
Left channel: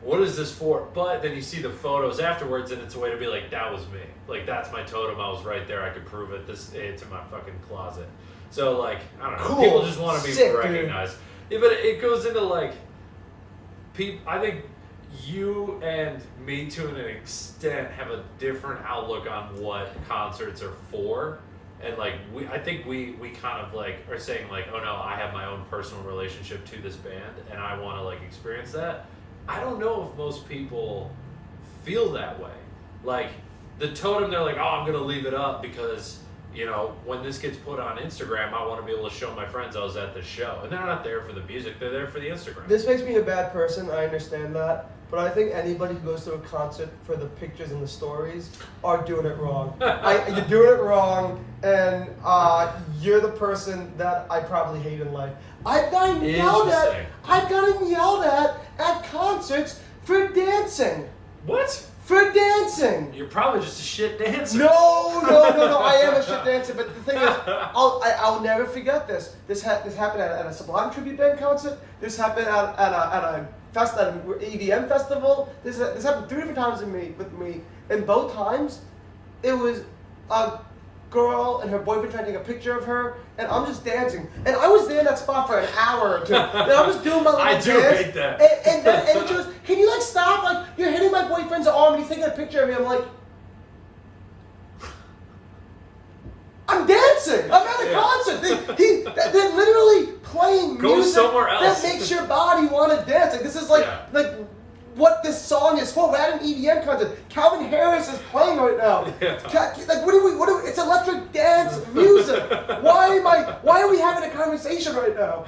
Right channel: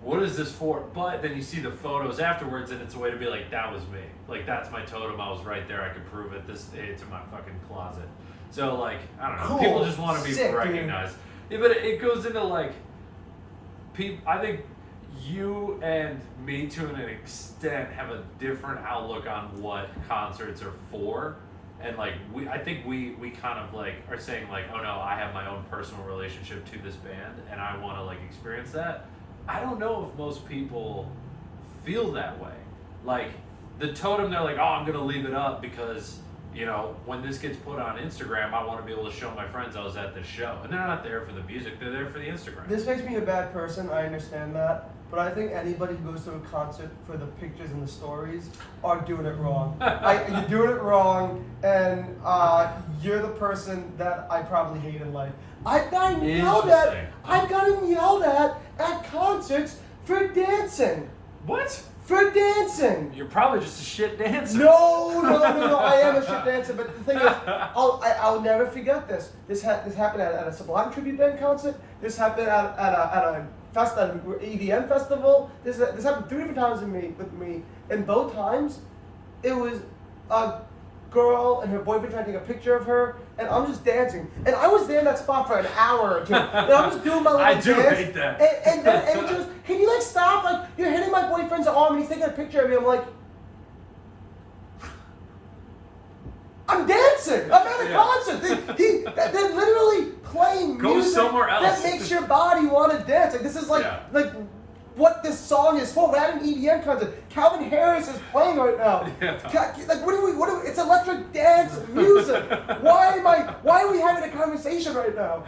what is this for? But then you see the photos afterwards, and it's a way to be like, that was me. Like, that's my totem. I was right there. I could prove it. It's in my fucking closet. So like, I don't know. Cool. People just want to be Sick, recognized. Yeah, but it goes into like, I think you and me to an extent have a different outlook on what concerts are for. And like I think we kind of like are saying like, oh no, I have my own personal relationship to this band and I want to like experience that. I don't know if most people feel that way. Like the totem, they're like, oh, I'm gonna leave it up because, you know, when this gets put on Instagram, I want to be able to show my friends I was at the show. And they're not there for the music, they're there for the Instagram. This makes me a bad person, I understand that. But I think anybody who goes to a concert for the pictures and the stories are doing it wrong. You're doing it wrong, and you're the person that I probably hate in life. I've gotten yelled at concerts for dancing. What? For dancing. You're probably just a shit dancer. No. I am a shit dancer, but the thing is, I'll never forget this. This happened at a Sublime tribute band concert. This happened at an EDM festival. This happened 3 different times with me. And both times, it was a girl and her boyfriend trying to take a picture of her, and I'm just dancing. And I was there in that spot for an hour or two. And I was doing my little dance. I do hate that. And she goes, can you like stop? Like, you're hitting my boyfriend's arm and he's taking a picture of me. I'm like, I'm dancing. I'm at a concert. They're literally playing Go music somewhere else. that makes your body want to dance. Like, this is like what this song is for. We're at an EDM concert. Calvin Harris is playing right now. Yeah. Like, what do we? It's electric dance music. Why are we having a conversation right now?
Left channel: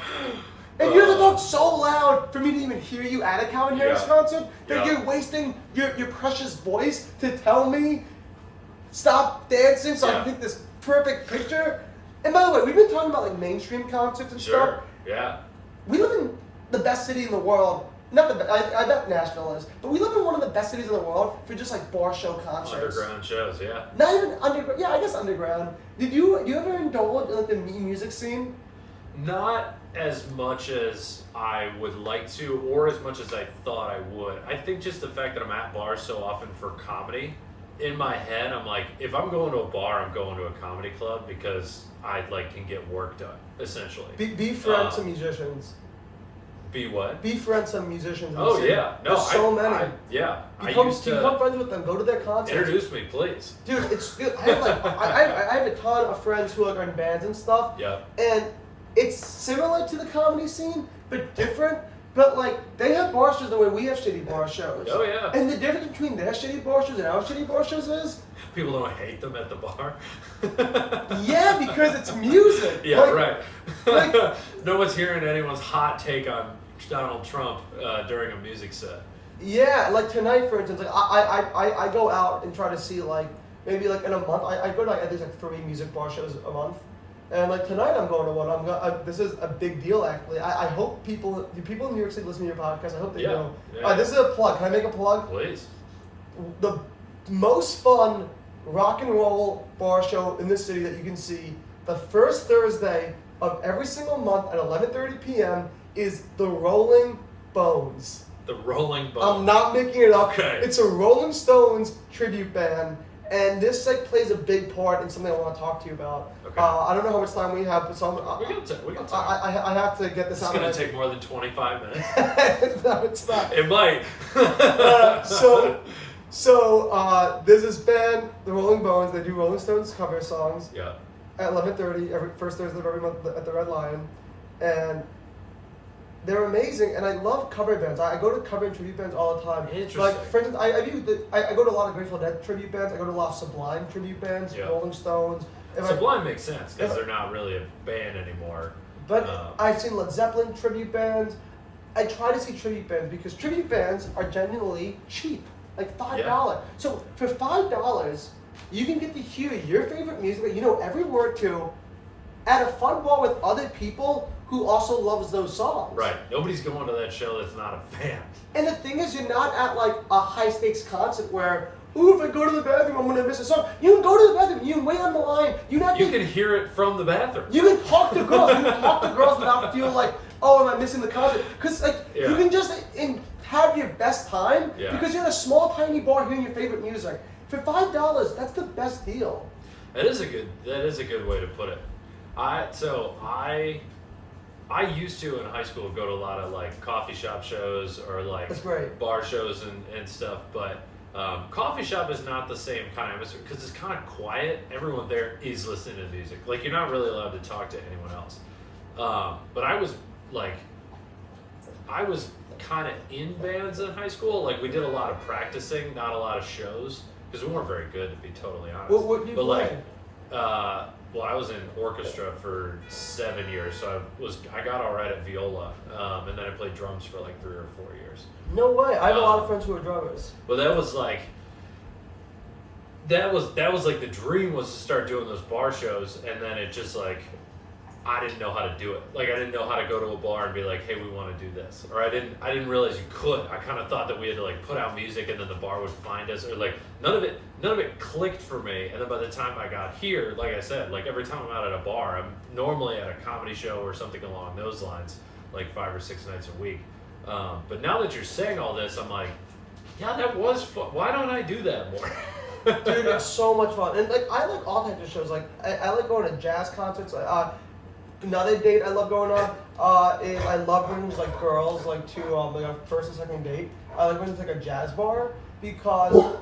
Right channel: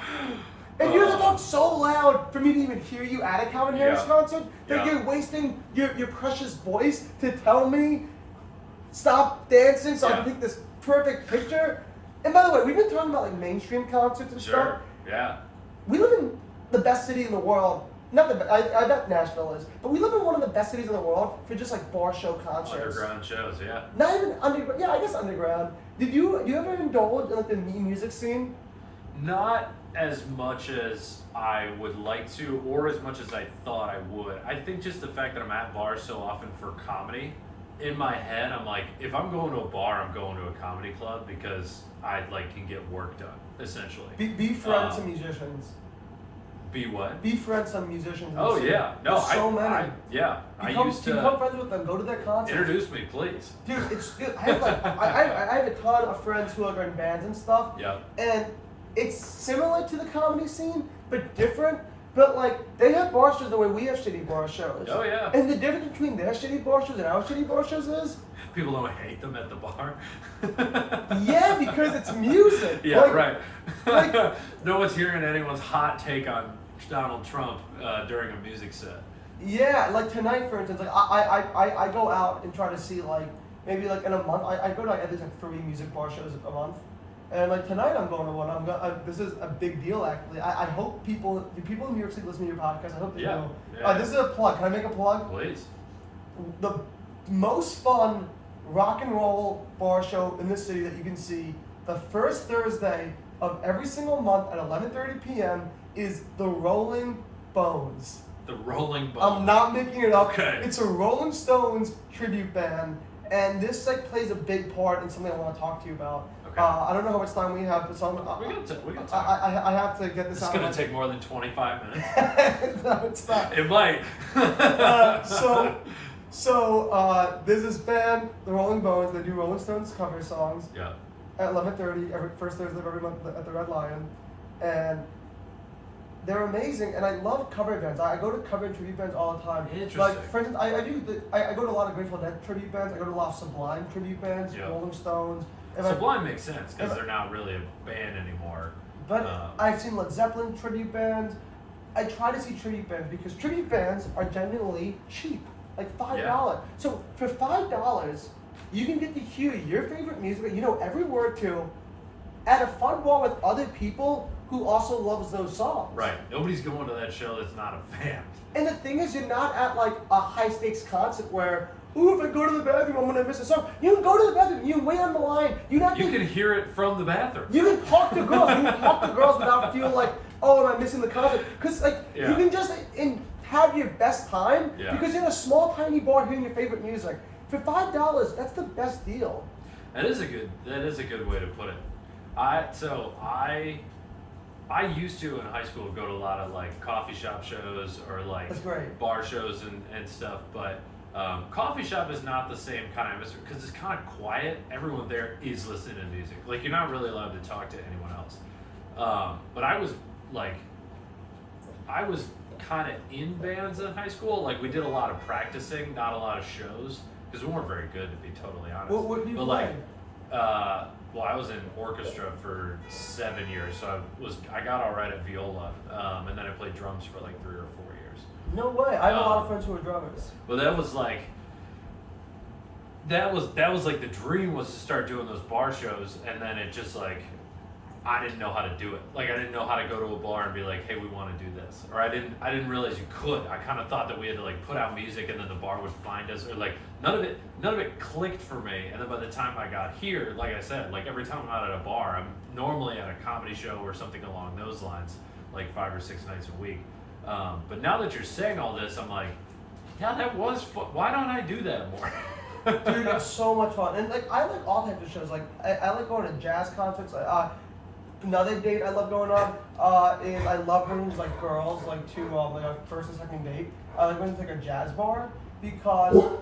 And you're the talk so loud for me to even hear you at a Calvin Harris concert that you're wasting your precious voice to tell me stop dancing so I can take this perfect picture. And by the way, we've been talking about like mainstream concerts and stuff. Sure. Yeah. We live in the best city in the world. I bet Nashville is, but we live in one of the best cities in the world for just like bar show concerts. Underground shows, yeah. Not even underground. Yeah, I guess underground. Do you ever indulge in like the music scene? Not as much as I would like to, or as much as I thought I would. I think just the fact that I'm at bars so often for comedy, in my head, I'm like, if I'm going to a bar, I'm going to a comedy club because I like can get work done, essentially. Be friends to musicians. Be what? Be friends to musicians. Oh yeah, no, there's so many. I used to become friends with them. Go to their concerts. Introduce me, please. Dude, it's good. I have a ton of friends who are in bands and stuff. Yeah. And it's similar to the comedy scene, but different. But like they have bar shows the way we have shitty bar shows. Oh yeah. And the difference between their shitty bar shows and our shitty bar shows is people don't hate them at the bar. Yeah, because it's music. Yeah, like, right. No one's hearing anyone's hot take on Donald Trump during a music set. Yeah, like tonight, for instance, like I go out and try to see like maybe like in a month I go to like at least like 3 music bar shows a month. And like tonight, I'm going to one. This is a big deal, actually. I hope people in New York City listen to your podcast. I hope they do. Yeah. This is a plug. Can I make a plug? Please. The most fun rock and roll bar show in the city that you can see the first Thursday of every single month at 11:30 p.m. is the Rolling Bones. The Rolling Bones. I'm not making it up. Okay. It's a Rolling Stones tribute band. And this like plays a big part in something I want to talk to you about. Okay. I don't know how much time we have, but we got time. I have to get this out. It's going to take more than 25 minutes. No, it's not. It might. So there's this band, the Rolling Bones. They do Rolling Stones cover songs. Yeah. At 11:30 every first Thursday of every month at the Red Lion, and they're amazing, and I love cover bands. I go to cover and tribute bands all the time. Interesting. Like, for instance, I go to a lot of Grateful Dead tribute bands. I go to a lot of Sublime tribute bands, Rolling Stones. Sublime makes sense because they're not really a band anymore. But I've seen Led Zeppelin tribute bands. I try to see tribute bands because tribute bands are genuinely cheap, like $5. Yeah. So for $5, you can get to hear your favorite music that you know every word to at a fun bar with other people who also loves those songs. Right. Nobody's going to that show that's not a fan. And the thing is, you're not at like a high stakes concert where ooh, if I go to the bathroom, I'm gonna miss a song. You can go to the bathroom. You can wait on the line. You can hear it from the bathroom. You can talk to girls. You can talk to girls without feeling like, oh, am I missing the concert? Because like you can just have your best time because you're in a small, tiny bar hearing your favorite music. For $5, that's the best deal. That is a good way to put it. I used to in high school go to a lot of like coffee shop shows or like bar shows and stuff, but coffee shop is not the same kind of atmosphere because it's kind of quiet. Everyone there is listening to music. Like you're not really allowed to talk to anyone else. But I was kind of in bands in high school. Like we did a lot of practicing, not a lot of shows because we weren't very good, to be totally honest. What did you play? Well, I was in orchestra for 7 years, so I got all right at viola, and then I played drums for like 3 or 4 years. No way! I have a lot of friends who are drummers. But that was like the dream was to start doing those bar shows, and then it just like I didn't know how to do it. Like I didn't know how to go to a bar and be like, hey, we want to do this, or I didn't realize you could. I kind of thought that we had to like put out music and then the bar would find us, or like none of it clicked for me. And then by the time I got here, like I said, like every time I'm out at a bar, I'm normally at a comedy show or something along those lines, like 5 or 6 nights a week. But now that you're saying all this, I'm like, yeah, that was fun. Why don't I do that more? Dude, it's so much fun. And like I like all types of shows. Like I like going to jazz concerts. Another date I love going on is I love bringing like girls like to like a first and second date. I like going to like a jazz bar because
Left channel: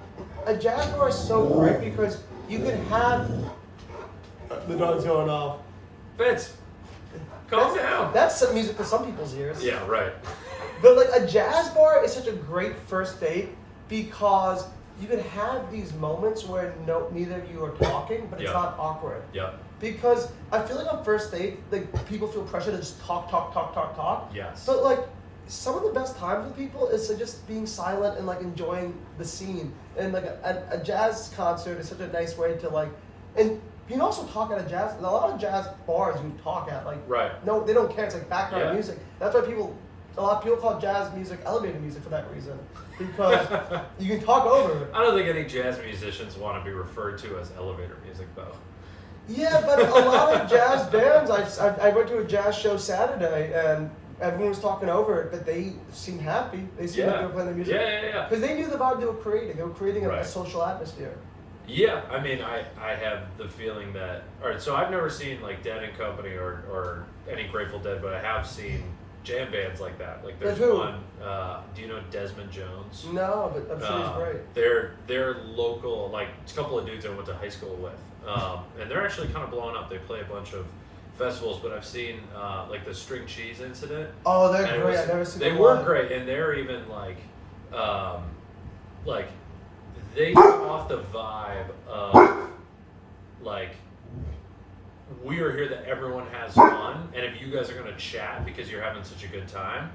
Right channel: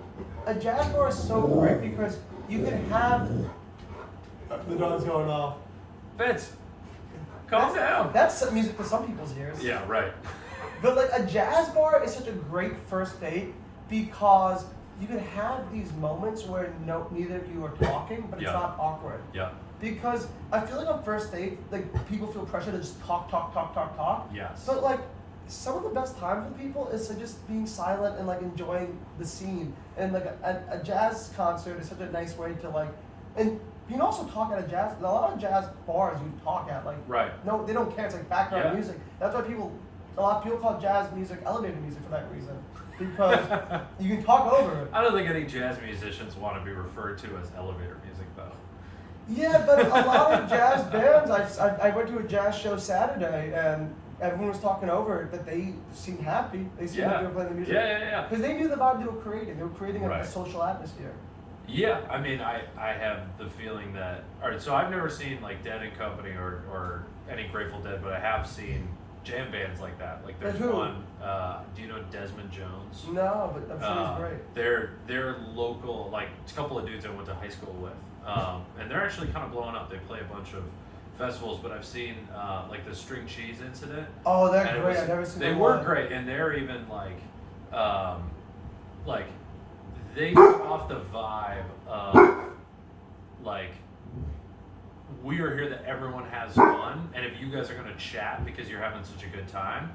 a jazz bar is so great because you can have the dog's going off. Vince, calm down. That's music to some people's ears. Yeah, right. But like a jazz bar is such a great first date because you can have these moments where neither of you are talking, but it's not awkward. Yeah. Because I feel like on first date, like people feel pressure to just talk. Yes. But like some of the best times with people is just being silent and like enjoying the scene. And like a jazz concert is such a nice way to like, and you can also talk at a jazz. A lot of jazz bars you talk at like. Right. No, they don't care. It's like background music. That's why a lot of people call jazz music elevator music for that reason. Because you can talk over it. I don't think any jazz musicians want to be referred to as elevator music, though. Yeah, but a lot of jazz bands, I went to a jazz show Saturday, and everyone was talking over it, but they seemed happy. They seemed like they were playing the music. Yeah. Because they knew the vibe they were creating. They were creating a social atmosphere. Yeah, I mean, I have the feeling that... All right, so I've never seen, like, Dead and Company or any Grateful Dead, but I have seen jam bands like that. Like there's one. Do you know Desmond Jones? No, but I'm sure he's great. They're local. Like it's a couple of dudes I went to high school with, and they're actually kind of blowing up. They play a bunch of festivals, but I've seen like the String Cheese Incident. Oh, they're great. I've never seen them. They were great, and they're even like they give off the vibe of like. We are here that everyone has fun, and if you guys are going to chat because you're having such a good time,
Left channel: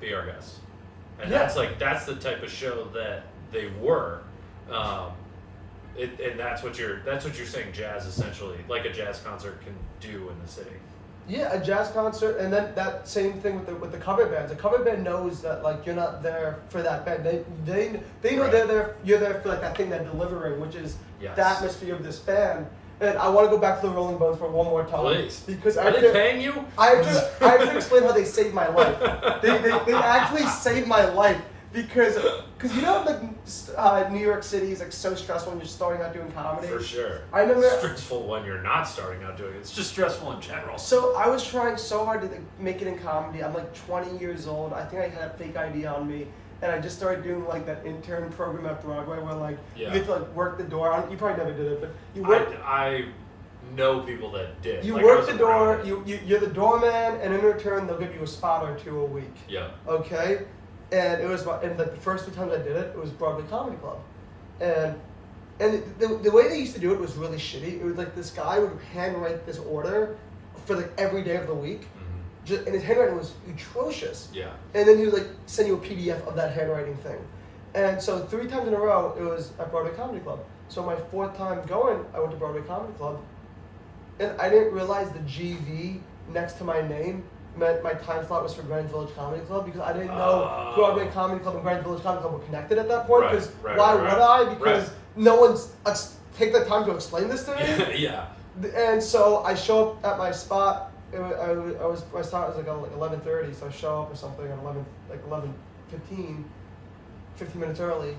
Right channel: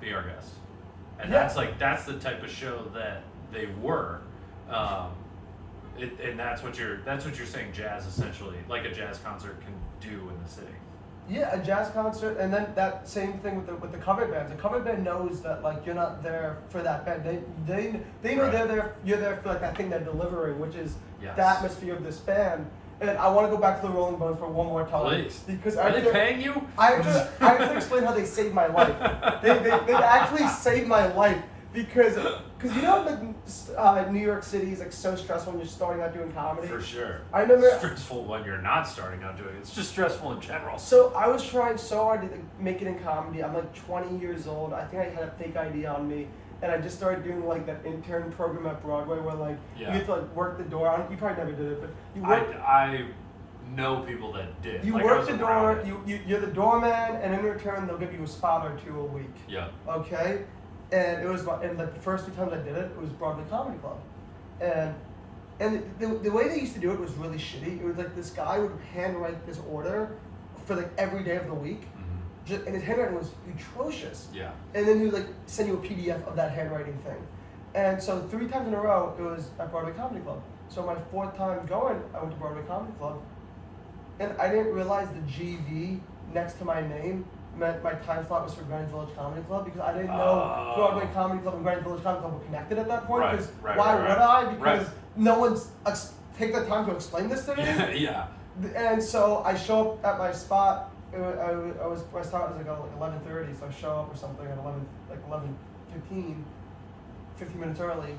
be our guest. And that's the type of show that they were, and that's what you're saying. Jazz essentially, like a jazz concert can do in the city. Yeah, a jazz concert, and then that same thing with the cover bands. A cover band knows that like you're not there for that band. They know you're there for like that thing they're delivering, which is the atmosphere of this band. And I want to go back to the Rolling Bones for one more time. Please. Because are they paying you? I have to explain how they saved my life. They actually saved my life because you know like New York City is like so stressful when you're starting out doing comedy. For sure. I remember stressful when you're not starting out doing it. It's just stressful in general. So I was trying so hard to make it in comedy. I'm like 20 years old. I think I had a fake ID on me. And I just started doing like that intern program at Broadway where like you get to like work the door. You probably never did it, but you work. I know people that did. You work the door. You're the doorman, and in return they'll give you a spot or two a week. Yeah. Okay. And it was like the first 2 times I did it, it was Broadway Comedy Club, and the way they used to do it was really shitty. It was like this guy would handwrite this order for like every day of the week. And his handwriting was atrocious. Yeah. And then he would like send you a PDF of that handwriting thing. And so 3 times in a row, it was at Broadway Comedy Club. So my 4th time going, I went to Broadway Comedy Club. And I didn't realize the GV next to my name meant my time slot was for Greenwich Village Comedy Club because I didn't know Broadway Comedy Club and Greenwich Village Comedy Club were connected at that point. Because why would I? Because no one's take the time to explain this to me. Yeah. And so I show up at my spot. My start was like 11:30, so I show up or something at 11:15, 15 minutes early.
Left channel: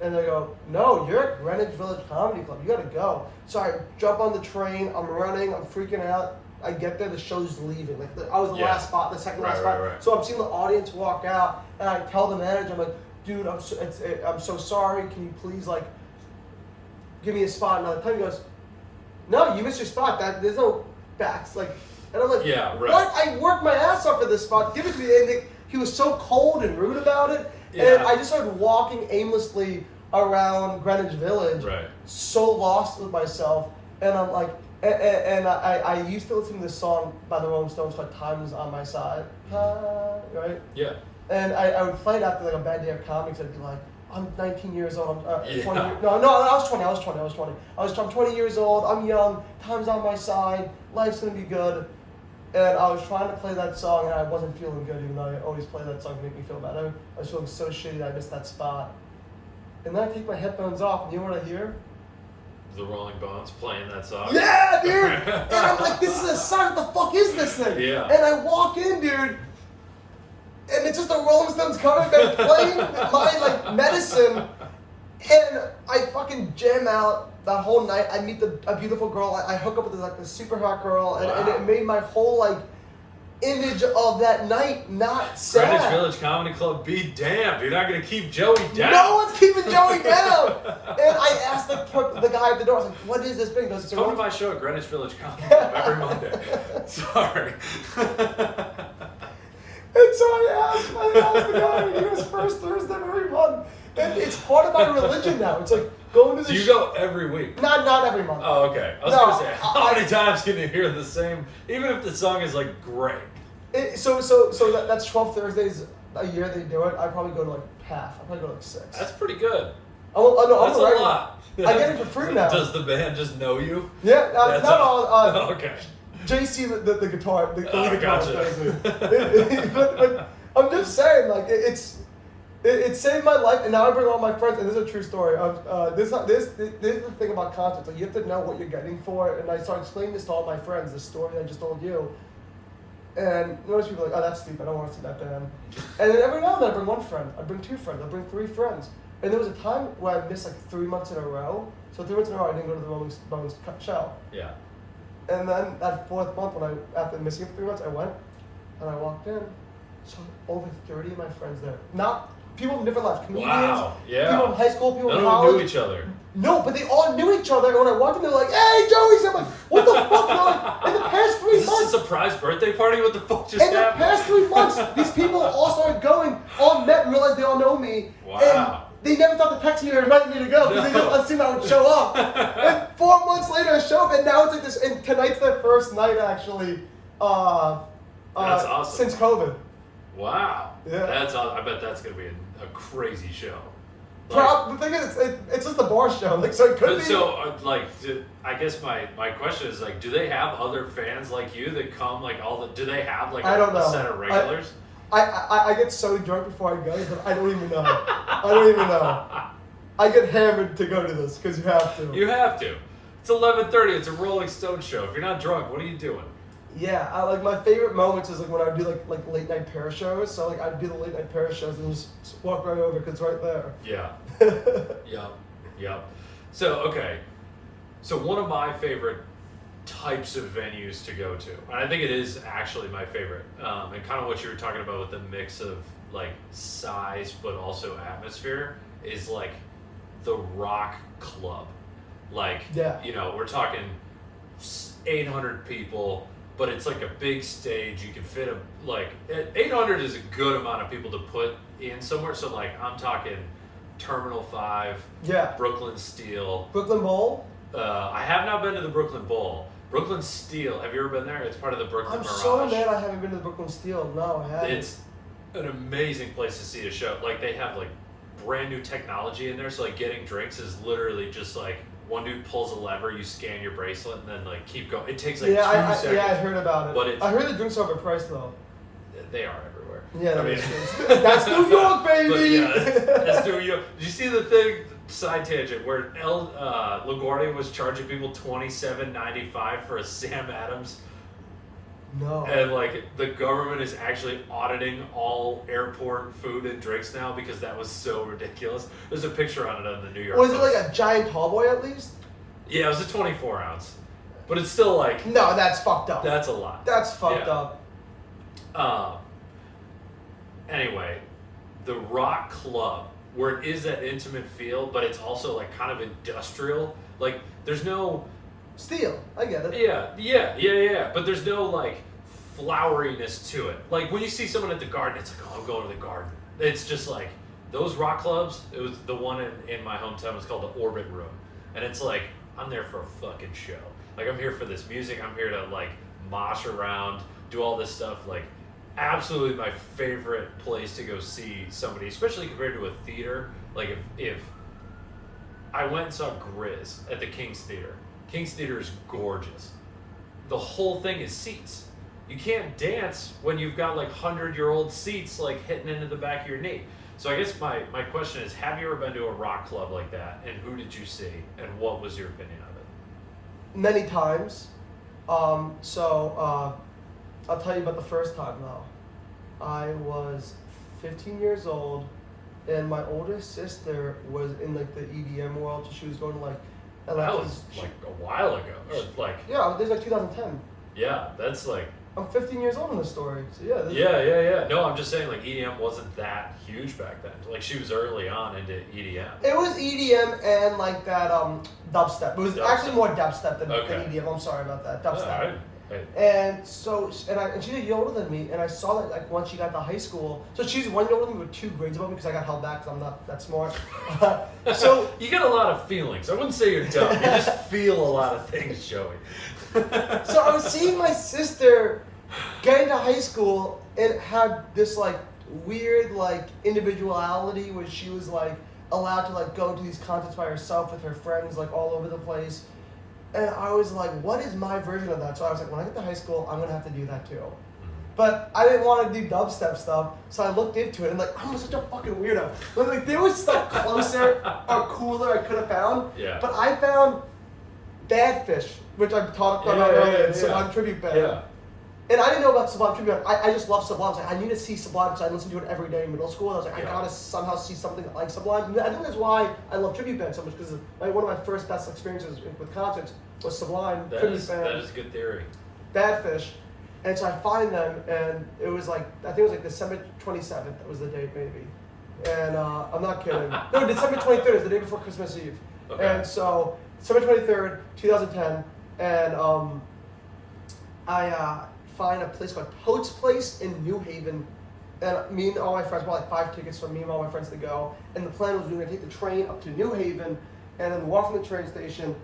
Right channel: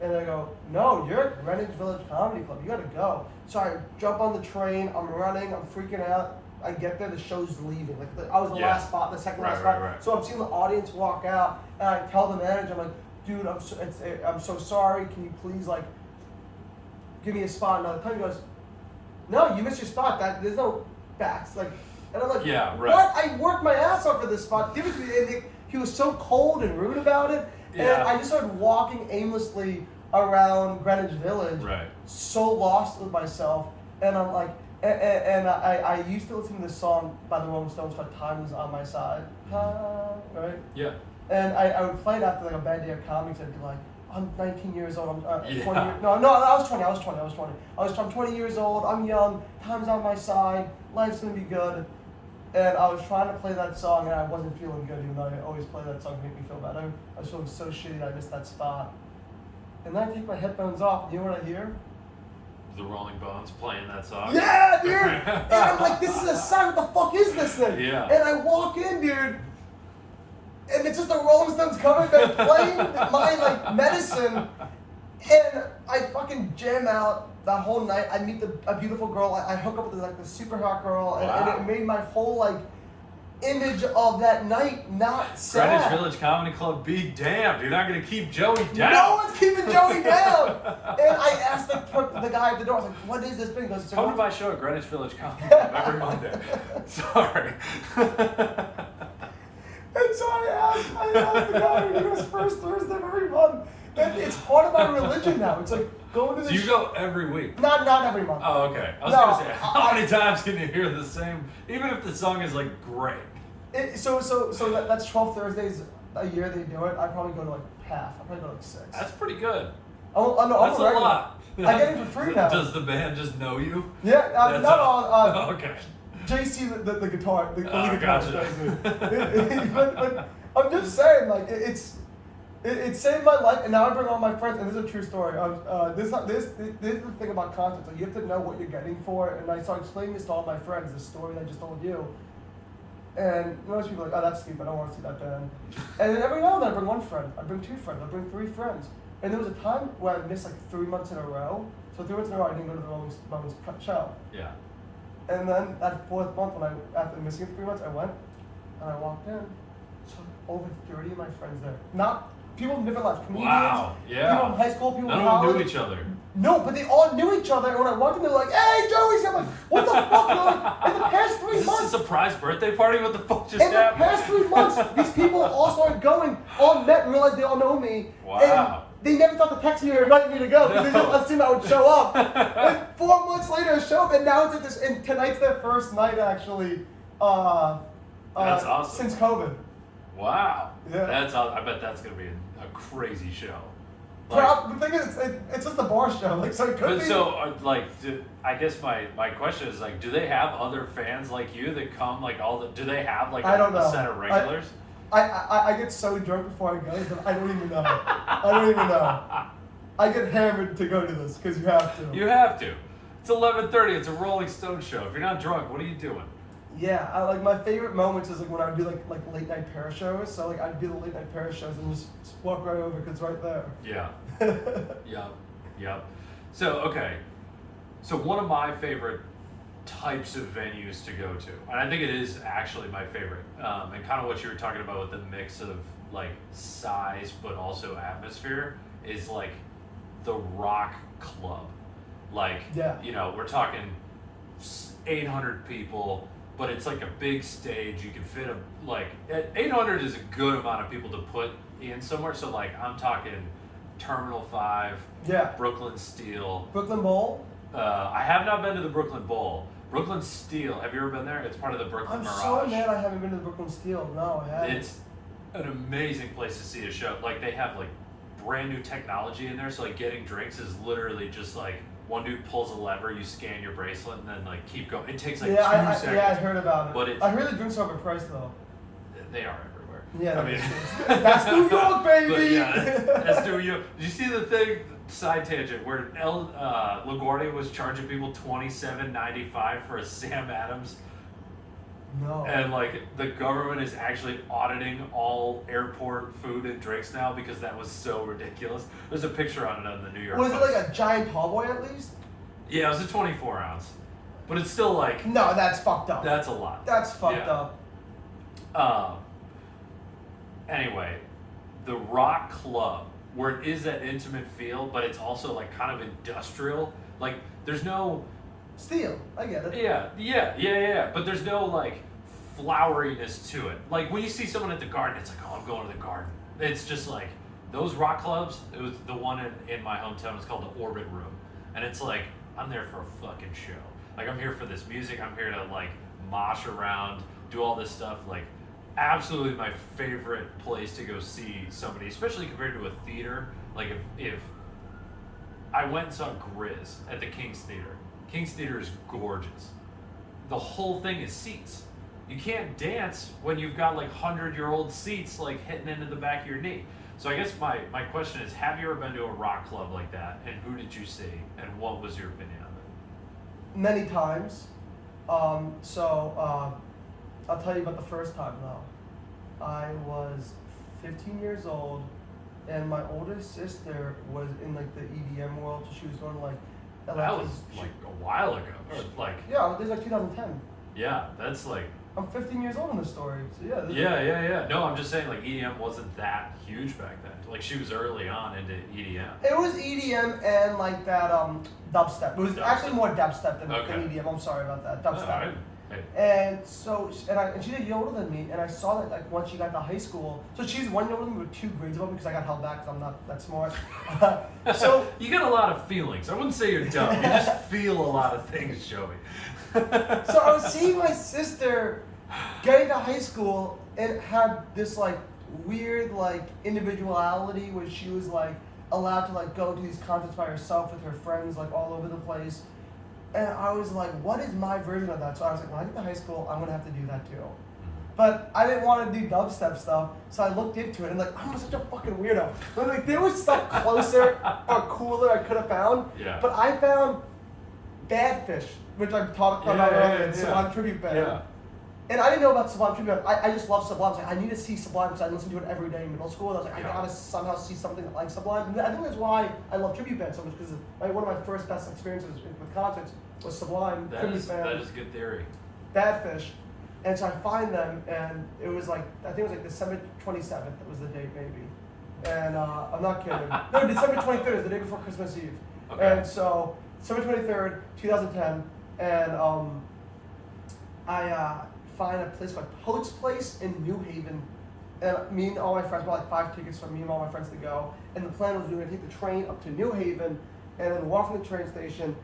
And they go, no, you're at Greenwich Village Comedy Club. You gotta go. So I jump on the train. I'm running. I'm freaking out. I get there. The show's leaving. Like I was the last spot, the second last spot. Right. So I'm seeing the audience walk out, and I tell the manager, I'm like, dude, I'm so sorry. Can you please like give me a spot another time? He goes, no, you missed your spot. There's no backs. Like, and I'm like, what? I worked my ass off for this spot. Give it to me. And he was so cold and rude about it. Yeah. And I just started walking aimlessly around Greenwich Village, so lost with myself. And I'm like, and I used to listen to this song by the Rolling Stones called "Time Is on My Side," right? Yeah. And I would play it after like a bad day of comics. I'd be like, I'm 19 years old. I'm 20. No, I was 20. I'm 20 years old. I'm young. Time's on my side. Life's gonna be good. And I was trying to play that song, and I wasn't feeling good, even though I always play that song to make me feel better. I was feeling so shitty that I missed that spot. And then I take my headphones off, and you know what I hear? The Rolling Bones playing that song. Yeah, dude! And I'm like, this is a song. What the fuck is this thing? Yeah. And I walk in, dude, and it's just the Rolling Stones cover band playing my like medicine, and I fucking jam out. That whole night, I meet a beautiful girl. I hook up with this super hot girl, and it made my whole like image of that night not sad. Greenwich Village Comedy Club, be damned. You're not gonna keep Joey down. No one's keeping Joey down. And I asked the guy at the door, I was like, "What is this thing?" He goes, "Come to my show at Greenwich Village Comedy Club every Monday." Sorry. And so I asked the guy, and he goes, "First Thursday of every month." And it's part of my religion now. It's like going to the. So you go every week? Not every month. Oh, okay. I was gonna say, how many times can you hear the same, even if the song is like great? So that's 12 Thursdays a year they do it. I probably go to like half. I probably go to like 6. That's pretty good. That's a lot. I get it for free now. Does the band just know you? Yeah, not all. Okay. JC, the guitar, the lead gotcha. but I'm just saying, like it saved my life, and now I bring all my friends. And this is a true story. This is the thing about concerts. Like you have to know what you're getting for. And I started explaining this to all my friends. The story I just told you. And most people are like, oh, that's stupid. I don't want to see that band. And then every now and then I bring one friend. I bring 2 friends. I bring 3 friends. And there was a time where I missed like 3 months in a row. So 3 months in a row, I didn't go to the Rolling Stones show. Yeah. And then that 4th month, after missing 3 months, I went and I walked in. So over 30 of my friends there. Not people from different lives, comedians. Wow. Yeah. People in high school, people in college. None of them knew each other. No, but they all knew each other. And when I walked in, they were like, "Hey, Joey!" I'm like, "What the fuck?" They're like, in the past 3 Is months. this a surprise birthday party? What the fuck just happened? In the past 3 months, these people all started going, all met and realized they all know me. Wow. And they never thought to text me or invite me to go because they just assumed I would show up. And 4 months later, I show up, and now it's like this. And tonight's their first night actually. That's awesome. Since COVID. Wow. Yeah. That's awesome. I bet that's gonna be a crazy show. The thing is, it's just a bar show. Like, so it could be. So, I guess my question is like, do they have other fans like you that come like all the? Do they have like a set of regulars? I get so drunk before I go that I don't even know. I get hammered to go to this because you have to. You have to. It's 11:30. It's a Rolling Stone show. If you're not drunk, what are you doing? Yeah, I like my favorite moments is like when I would do like late night pair shows. So like I'd do the late night pair shows and just walk right over because it's right there. Yeah. Yep. So okay. So one of my favorite types of venues to go to, and I think it is actually my favorite, and kind of what you were talking about with the mix of like size but also atmosphere, is like the rock club. Like, you know, we're talking 800 people. But it's like a big stage. You can fit 800 is a good amount of people to put in somewhere. So like I'm talking Terminal 5, Brooklyn Steel, Brooklyn Bowl. I have not been to the Brooklyn Bowl. Brooklyn Steel. Have you ever been there? It's part of the Brooklyn Mirage. I'm so mad I haven't been to the Brooklyn Steel. No, I haven't. It's an amazing place to see a show. Like they have like brand new technology in there. So like getting drinks is literally just like one dude pulls a lever, you scan your bracelet, and then like keep going. It takes like 2 seconds. Yeah, I heard about it. But I heard the drinks are overpriced though. They are everywhere. Yeah, I mean, that's New York, baby. But yeah, that's New York. Did you see the thing? Side tangent where LaGuardia was charging people $27.95 for a Sam Adams. No. And like the government is actually auditing all airport food and drinks now because that was so ridiculous. There's a picture on it on the New York Was Post. it like a giant tall boy at least? Yeah, it was a 24 ounce. But it's still like... No, that's fucked up. That's a lot. That's fucked up. Anyway, the Rock Club, where it is that intimate feel, but it's also like kind of industrial. Like, there's no... Steel, I get it. Yeah. But there's no like floweriness to it. Like when you see someone at the garden, it's like, oh, I'm going to the garden. It's just like those rock clubs. It was the one in my hometown was called the Orbit Room, and it's like I'm there for a fucking show. Like I'm here for this music. I'm here to like mosh around, do all this stuff. Like absolutely my favorite place to go see somebody, especially compared to a theater. Like if I went and saw Grizz at the King's Theater. King's Theater is gorgeous. The whole thing is seats. You can't dance when you've got like 100-year-old seats like hitting into the back of your knee. So I guess my question is, have you ever been to a rock club like that? And who did you see? And what was your opinion of it? Many times. I'll tell you about the first time though. I was 15 years old and my oldest sister was in like the EDM world, so she was going to like that was like a while ago, or like yeah, this is like 2010. Yeah, that's like I'm 15 years old in this story, so yeah. Yeah. No, I'm just saying like EDM wasn't that huge back then. Like she was early on into EDM. It was EDM and like that dubstep. It was actually more dubstep than EDM. I'm sorry about that. Dubstep. And so, and she's a year older than me, and I saw that like once she got to high school. So she's 1 year older than me with 2 grades above me because I got held back because I'm not that smart. So you got a lot of feelings. I wouldn't say you're dumb. You just feel a lot of things showing. So I was seeing my sister get into high school and had this like weird like individuality where she was like allowed to like go to these concerts by herself with her friends like all over the place. And I was like, what is my version of that? So I was like, when I get to high school, I'm going to have to do that too. But I didn't want to do dubstep stuff, so I looked into it and like, I'm such a fucking weirdo. But like, there was stuff closer or cooler I could have found. Yeah. But I found Bad Fish, which I talked about earlier, the Sublime Tribute Band. Yeah. And I didn't know about Sublime Tribute Band. I just love Sublime. I was like, I need to see Sublime because I listened to it every day in middle school. And I was like, I gotta somehow see something like Sublime. And I think that's why I love Tribute Band so much, because like, one of my first best experiences with concerts was Sublime Tribute Band. That is a good theory. Bad Fish. And so I find them, and it was like, I think it was like December 27th, that was the date maybe. And I'm not kidding. No, December 23rd is the day before Christmas Eve. Okay. And so, December 23rd, 2010, and I find a place called Toad's Place in New Haven. And me and all my friends bought like 5 tickets for me and all my friends to go. And the plan was we were gonna take the train up to New Haven, and then walk from the train station,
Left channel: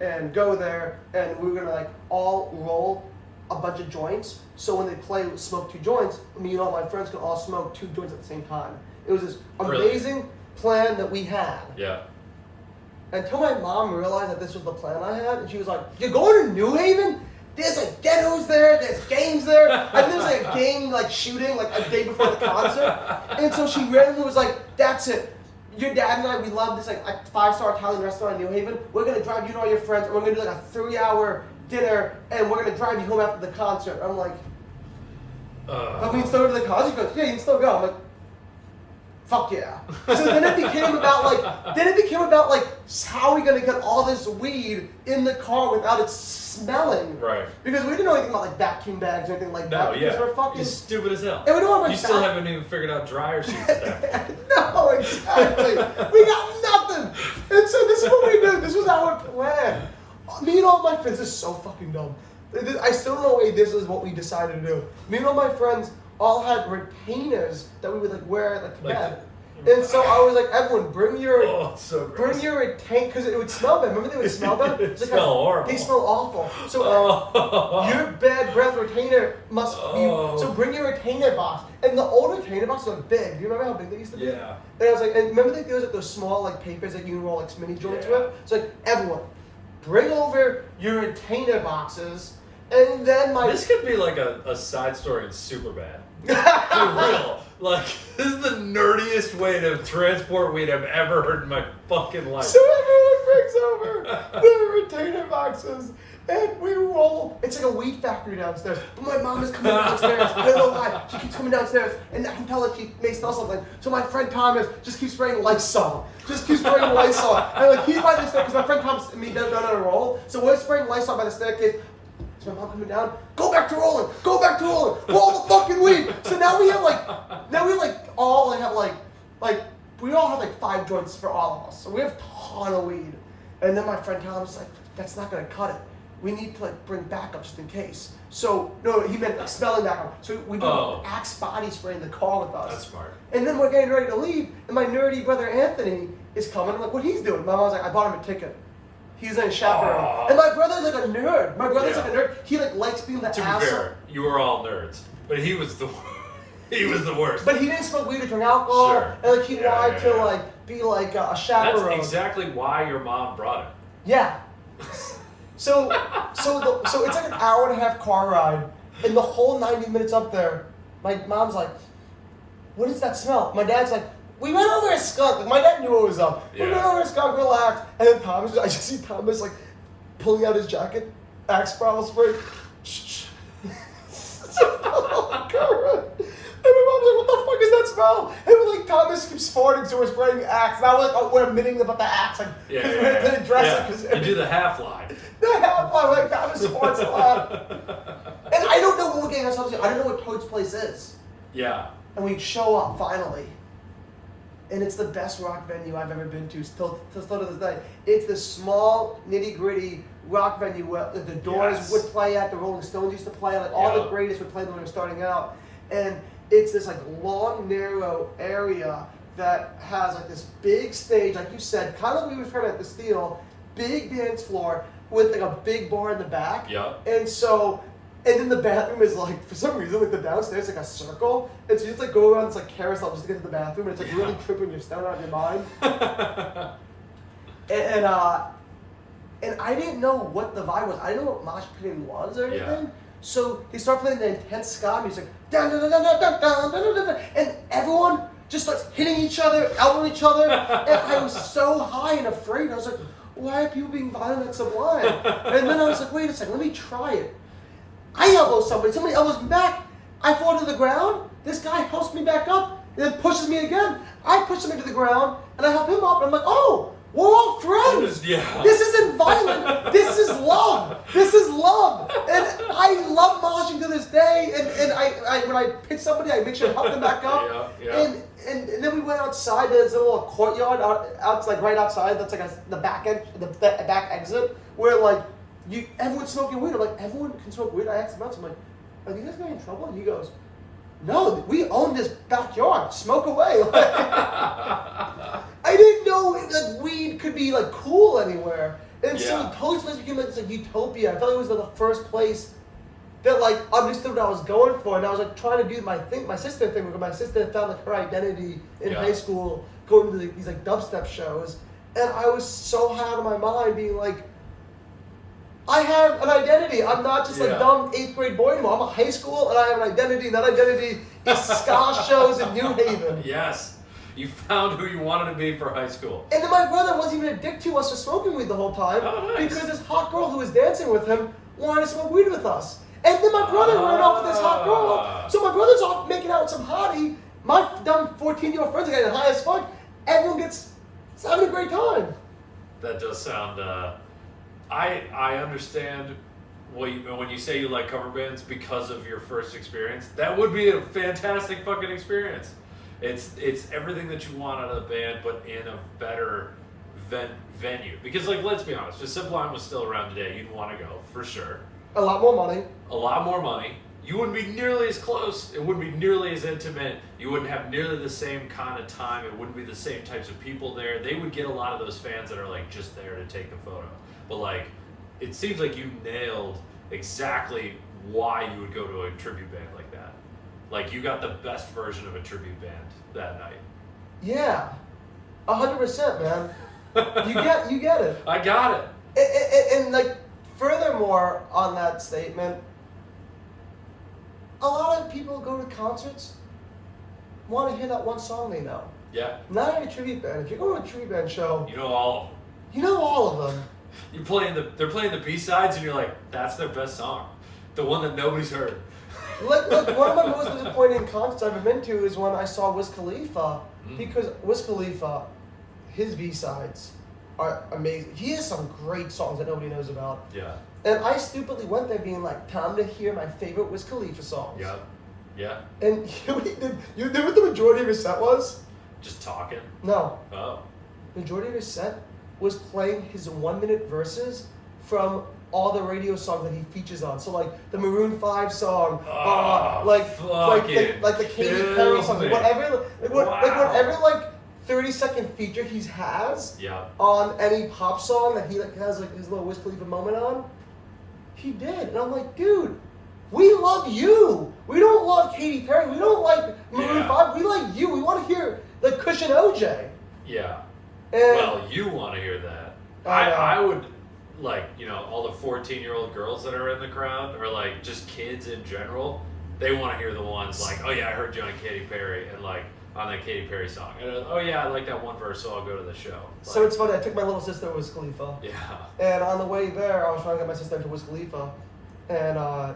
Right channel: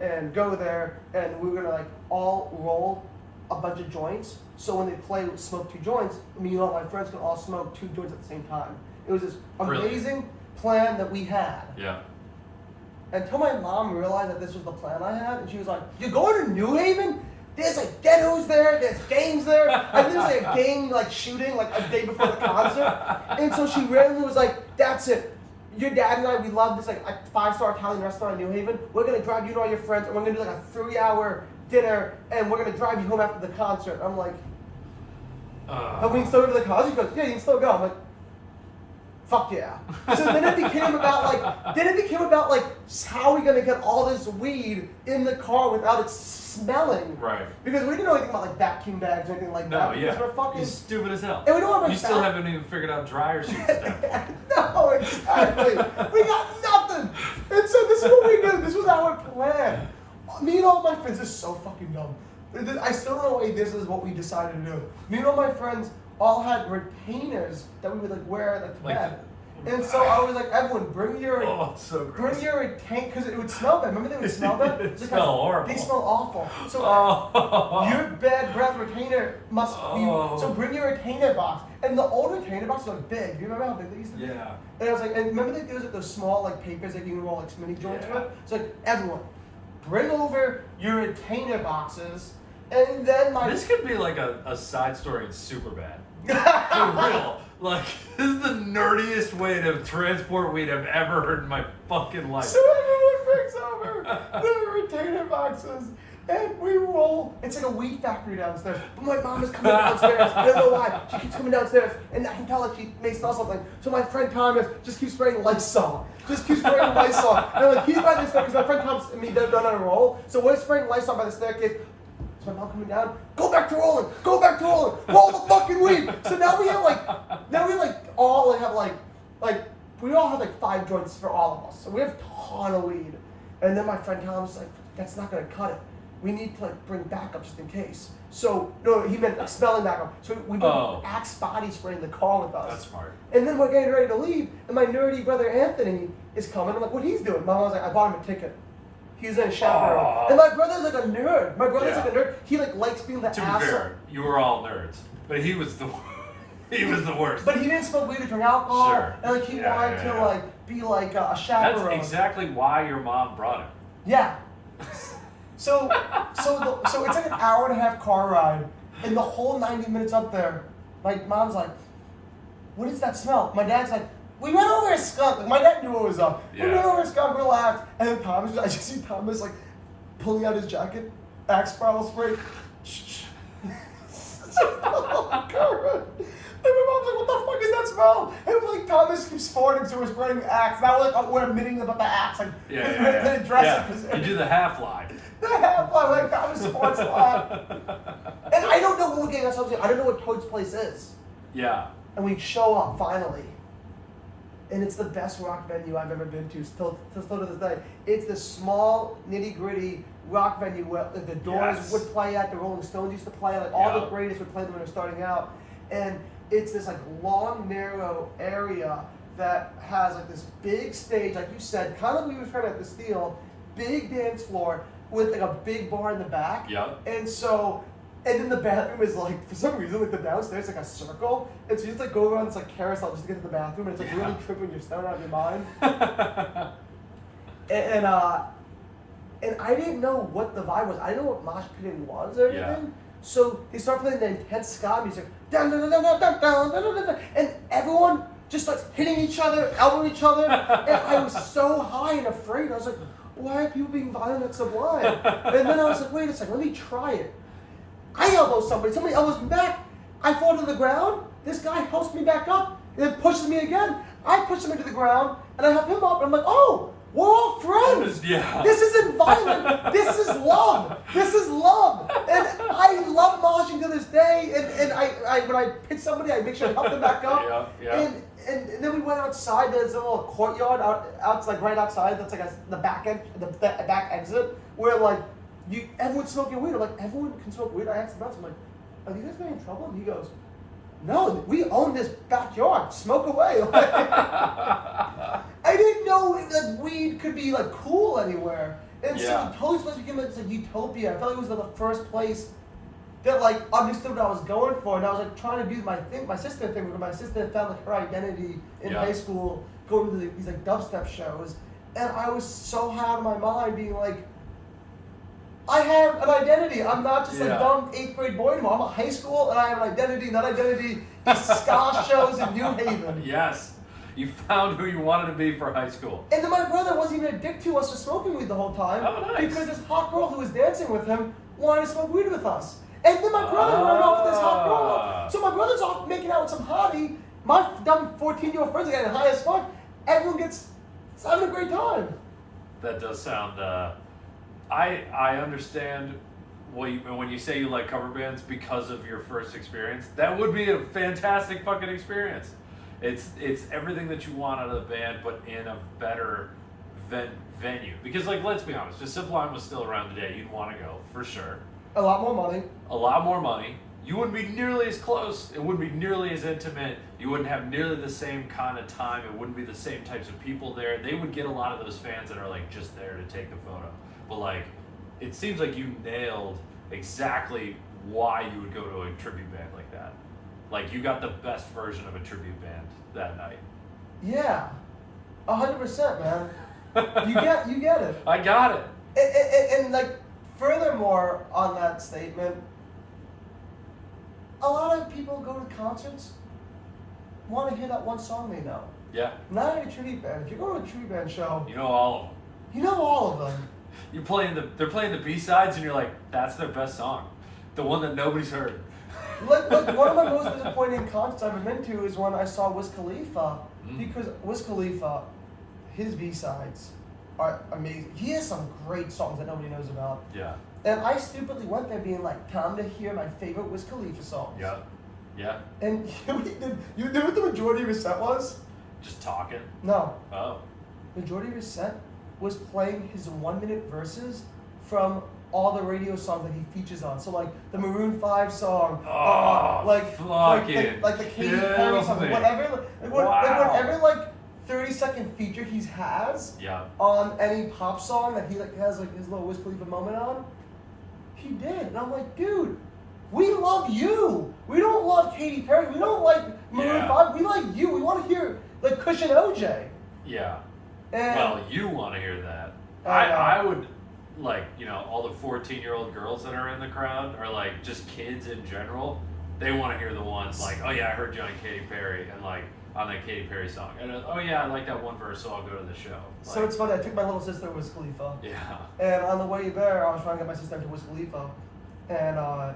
and go there, and we were gonna like all roll a bunch of joints, so when they play Smoke 2 Joints, me and all my friends could all smoke 2 joints at the same time. It was this amazing plan that we had. Yeah. Until my mom realized that this was the plan I had, and she was like, "You're going to New Haven? There's like ghettos there, there's gangs there, and there's like a gang like shooting like a day before the concert." And so she randomly was like, "That's it. Your dad and I, we love this like a 5-star Italian restaurant in New Haven. We're gonna drive you and all your friends, and we're gonna do like a 3-hour dinner, and we're gonna drive you home after the concert." I'm like, "Can we still go to the concert?" She goes, "Yeah, you can still go." I'm like, "Fuck yeah!" So then it became about like, how are we gonna get all this weed in the car without it smelling? Right. Because we didn't know anything about like vacuum bags or anything like that. No, yeah. Because we're fucking You're stupid as hell. And we don't have like you still haven't even figured out dryer sheets at that point. No, exactly. We got nothing. And so this is what we did. This was our plan. Me and all my friends, this is so fucking dumb. I still don't know why this is what we decided to do. Me and all my friends all had retainers that we would like wear like to bed. And so I was like, everyone, bring your gross. retainer, because it would smell bad. Remember they would smell bad? It smell horrible. They smell awful. So your bad breath retainer must be. So bring your retainer box. And the old retainer boxes are big. Do you remember how big they used to be? Yeah. And I was like, and remember there was like those small like papers that you can roll like mini joints with? It's like, everyone, bring over your retainer boxes. And then This could be like a side story in Superbad. For real. Like, this is the nerdiest way to transport weed I've ever heard in my fucking life. So everyone brings over the retainer boxes, and we roll. It's like a weed factory downstairs. But my mom is coming downstairs. I don't know why. She keeps coming downstairs, and I can tell that she may smell something. So my friend Thomas just keeps spraying Lysol. And like he's by the staircase, because my friend Thomas and me don't know how to roll. So we're spraying Lysol by the staircase. My mom coming down, go back to rolling, roll the fucking weed. So now we have we all have like 5 joints for all of us. So we have a ton of weed. And then my friend Thomas was like, that's not gonna cut it. We need to like bring backup just in case. So no, he meant like smelling backup. So we do Axe body spray in the car with us. That's smart. And then we're getting ready to leave, and my nerdy brother Anthony is coming. I'm like, what he's doing? My mom's like, I bought him a ticket. He's a chaperone. And my brother's like a nerd. He like likes being the asshole. To be fair, you were all nerds, but he was the worst. But he didn't smoke weed or drink alcohol, Sure. and like he wanted to like be like a chaperone. That's exactly why your mom brought him. Yeah. So it's like an hour and a half car ride, and the whole 90 minutes up there, my mom's like, "What is that smell?" My dad's like, we went over a skunk. Like, my dad knew what was up. Yeah. We went over a skunk, relaxed. And then I just see Thomas like pulling out his jacket, Axe bottle spray. And my mom's like, what the fuck is that smell? And we're like, Thomas keeps farting, so we're spraying Axe. Now we're admitting about the Axe. Like, Yeah. We're address it. You do the half lie. The half lie, like Thomas farts a lot. And I don't know what we're getting ourselves into. I don't know what Toad's Place is. Yeah. And we show up finally. And it's the best rock venue I've ever been to still to this day. It's the small, nitty-gritty rock venue where the Doors would play at, the Rolling Stones used to play at, like all the greatest would play when they were starting out. And it's this like long, narrow area that has like this big stage, like you said, kind of like we were trying to steal, big dance floor with like a big bar in the back. Yeah. And then the bathroom is like, for some reason, like the downstairs like a circle. And so you just like go around this like carousel just to get to the bathroom. And it's like really tripping your stomach out of your mind. and I didn't know what the vibe was. I didn't know what mosh pitting was or anything. Yeah. So they start playing the intense ska music. Dun, dun, dun, dun, dun, dun, dun, dun, dun, dun, and everyone just starts hitting each other, elbowing each other. And I was so high and afraid. I was like, why are people being violent at Sublime? And then I was like, wait a second, let me try it. I elbow somebody elbows me back. I fall to the ground. This guy helps me back up, and then pushes me again. I push him into the ground, and I help him up. And I'm like, oh, we're all friends. Yeah. This isn't violent. This is love. And I love moshing to this day. And I when I pitch somebody, I make sure to help them back up. Yeah. And then we went outside. There's a little courtyard out like right outside. That's like the back end, the back exit, where like. Everyone's smoking weed. I'm like, everyone can smoke weed. I asked him out. I'm like, are you guys getting in trouble? And he goes, no, we own this backyard. Smoke away. I didn't know like weed could be like cool anywhere. And so Toad's Place became like this like utopia. I felt like it was like, the first place that like understood what I was going for, and I was like trying to do my sister thing. Because my sister found like her identity in high school, going to these like dubstep shows, and I was so high out of my mind, being like. I have an identity. I'm not just like dumb 8th grade boy anymore. I'm a high school and I have an identity. And that identity is ska shows in New Haven. Yes. You found who you wanted to be for high school. And then my brother wasn't even a dick to us for smoking weed the whole time. Oh, nice. Because this hot girl who was dancing with him wanted to smoke weed with us. And then my brother ran off with this hot girl. So my brother's off making out with some hottie. My dumb 14-year-old friends are getting high as fuck. Everyone gets having a great time. That does sound... I understand when you say you like cover bands because of your first experience. That would be a fantastic fucking experience. It's everything that you want out of the band, but in a better venue. Because like, let's be honest, if Sublime was still around today, you'd want to go for sure. A lot more money. you wouldn't be nearly as close. It wouldn't be nearly as intimate. You wouldn't have nearly the same kind of time. It wouldn't be the same types of people there. They would get a lot of those fans that are like just there to take the photo. But like, it seems like you nailed exactly why you would go to a tribute band like that. Like, you got the best version of a tribute band that night. Yeah, 100%, man. You get it. I got it. And like, furthermore on that statement, a lot of people go to concerts, want to hear that one song they know. Yeah. Not every tribute band. If you're going to a tribute band show, You know all of them. you know all of them. They're playing the B-sides, and you're like, that's their best song. The one that nobody's heard. Like one of my most disappointing concerts I've ever been to is when I saw Wiz Khalifa, because Wiz Khalifa, his B-sides are amazing. He has some great songs that nobody knows about. Yeah. And I stupidly went there being like, time to hear my favorite Wiz Khalifa songs. Yep. Yeah. And you knew what the majority of his set was? Just talking. No. Oh. The majority of his set was playing his 1-minute verses from all the radio songs that he features on. So like the Maroon 5 song, like the Katy Perry song, whatever like 30-second feature he has on any pop song that he like has like his little Wiz Khalifa moment on, he did. And I'm like, dude, we love you. We don't love Katy Perry. We don't like Maroon 5. We like you. We want to hear like Cushion OJ. Yeah. And well, you want to hear that. I would, like, you know, all the 14-year-old girls that are in the crowd, or like just kids in general, they want to hear the ones like, oh yeah, I heard you on Katy Perry, and like on that Katy Perry song. And oh yeah, I like that one verse, so I'll go to the show. Like, so it's funny, I took my little sister to Wiz Khalifa. Yeah. And on the way there, I was trying to get my sister into Wiz Khalifa. And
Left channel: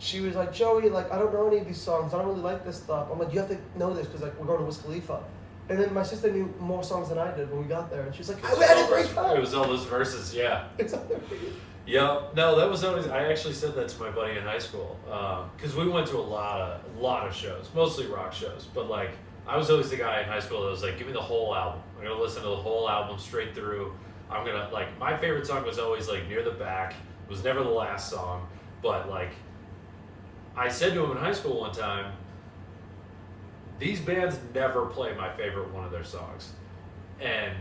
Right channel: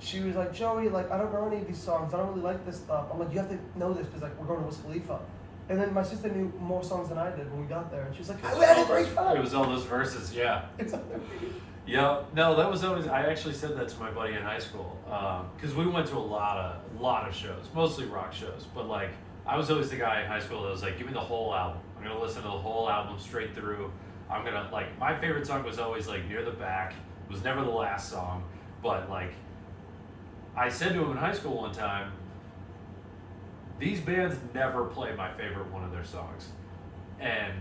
she was like, Joey, like, I don't know any of these songs. I don't really like this stuff. I'm like, you have to know this because like we're going to Wiz Khalifa. And then my sister knew more songs than I did when we got there. And she was like, we had a great time. It was all those verses, yeah. Exactly. Yeah, no, that was always, I actually said that to my buddy in high school. Because we went to a lot of shows, mostly rock shows. But like, I was always the guy in high school that was like, give me the whole album. I'm going to listen to the whole album straight through. I'm going to, like, my favorite song was always like Near the Back. It was never the last song. But like, I said to him in high school one time, these bands never play my favorite one of their songs. And